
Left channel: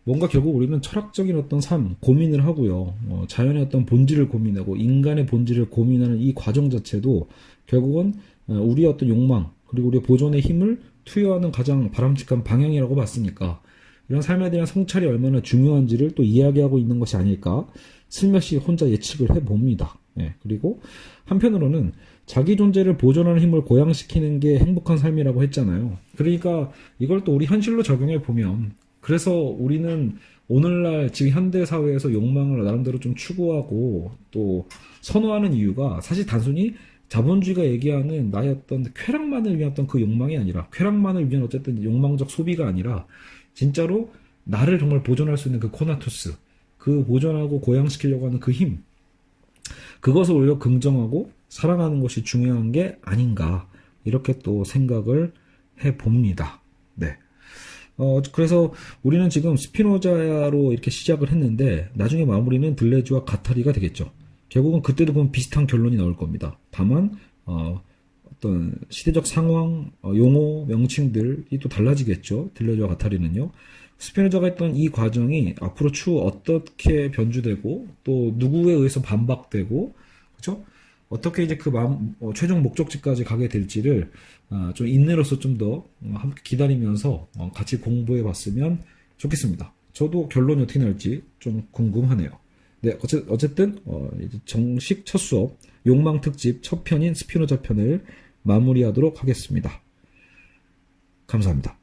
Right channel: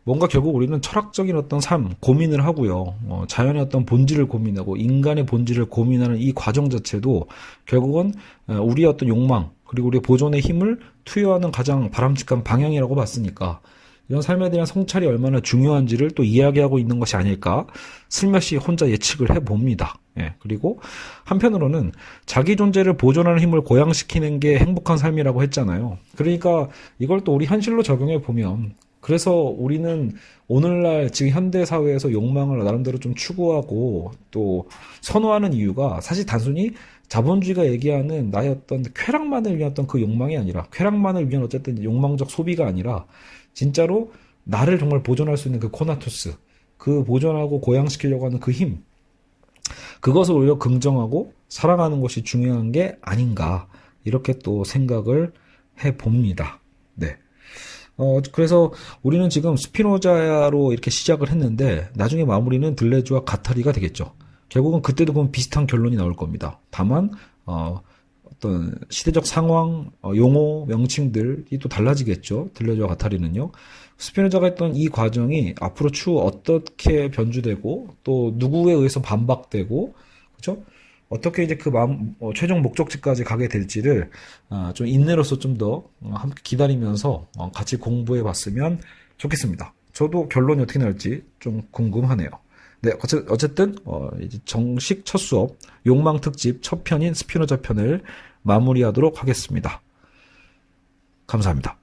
뭔가 결국 우리는 철학적인 어떤 삶, 고민을 하고요. 자연의 어떤 본질을 고민하고, 인간의 본질을 고민하는 이 과정 자체도, 결국은, 우리의 어떤 욕망, 그리고 우리의 보존의 힘을 투여하는 가장 바람직한 방향이라고 봤으니까, 이런 삶에 대한 성찰이 얼마나 중요한지를 또 이야기하고 있는 것이 아닐까 슬며시 혼자 예측을 해봅니다. 그리고 한편으로는 자기 존재를 보존하는 힘을 고양시키는 게 행복한 삶이라고 했잖아요. 그러니까 이걸 또 우리 현실로 적용해 보면, 그래서 우리는 오늘날 지금 현대 사회에서 욕망을 나름대로 좀 추구하고 또 선호하는 이유가 사실 단순히 자본주의가 얘기하는 나의 어떤 쾌락만을 위한 어떤 그 욕망이 아니라, 쾌락만을 위한 어쨌든 욕망적 소비가 아니라 진짜로 나를 정말 보존할 수 있는 그 코나투스, 그 보존하고 고양시키려고 하는 그 힘, 그것을 오히려 긍정하고 사랑하는 것이 중요한 게 아닌가, 이렇게 또 생각을 해봅니다. 네. 그래서 우리는 지금 스피노자로 이렇게 시작을 했는데, 나중에 마무리는 들레주와 가타리가 되겠죠. 결국은 그때도 보면 비슷한 결론이 나올 겁니다. 다만, 어떤 시대적 상황, 용어, 명칭들이 또 달라지겠죠. 들레주와 가타리는요. 스피노자가 했던 이 과정이 앞으로 추후 어떻게 변주되고 또 누구에 의해서 반박되고, 그렇죠? 어떻게 이제 그 최종 목적지까지 가게 될지를 좀 인내로서 좀 더 함께 기다리면서 같이 공부해 봤으면 좋겠습니다. 저도 결론이 어떻게 날지 좀 궁금하네요. 네, 어쨌든 이제 정식 첫 수업 욕망 특집 첫 편인 스피노자 편을 마무리하도록 하겠습니다. 감사합니다.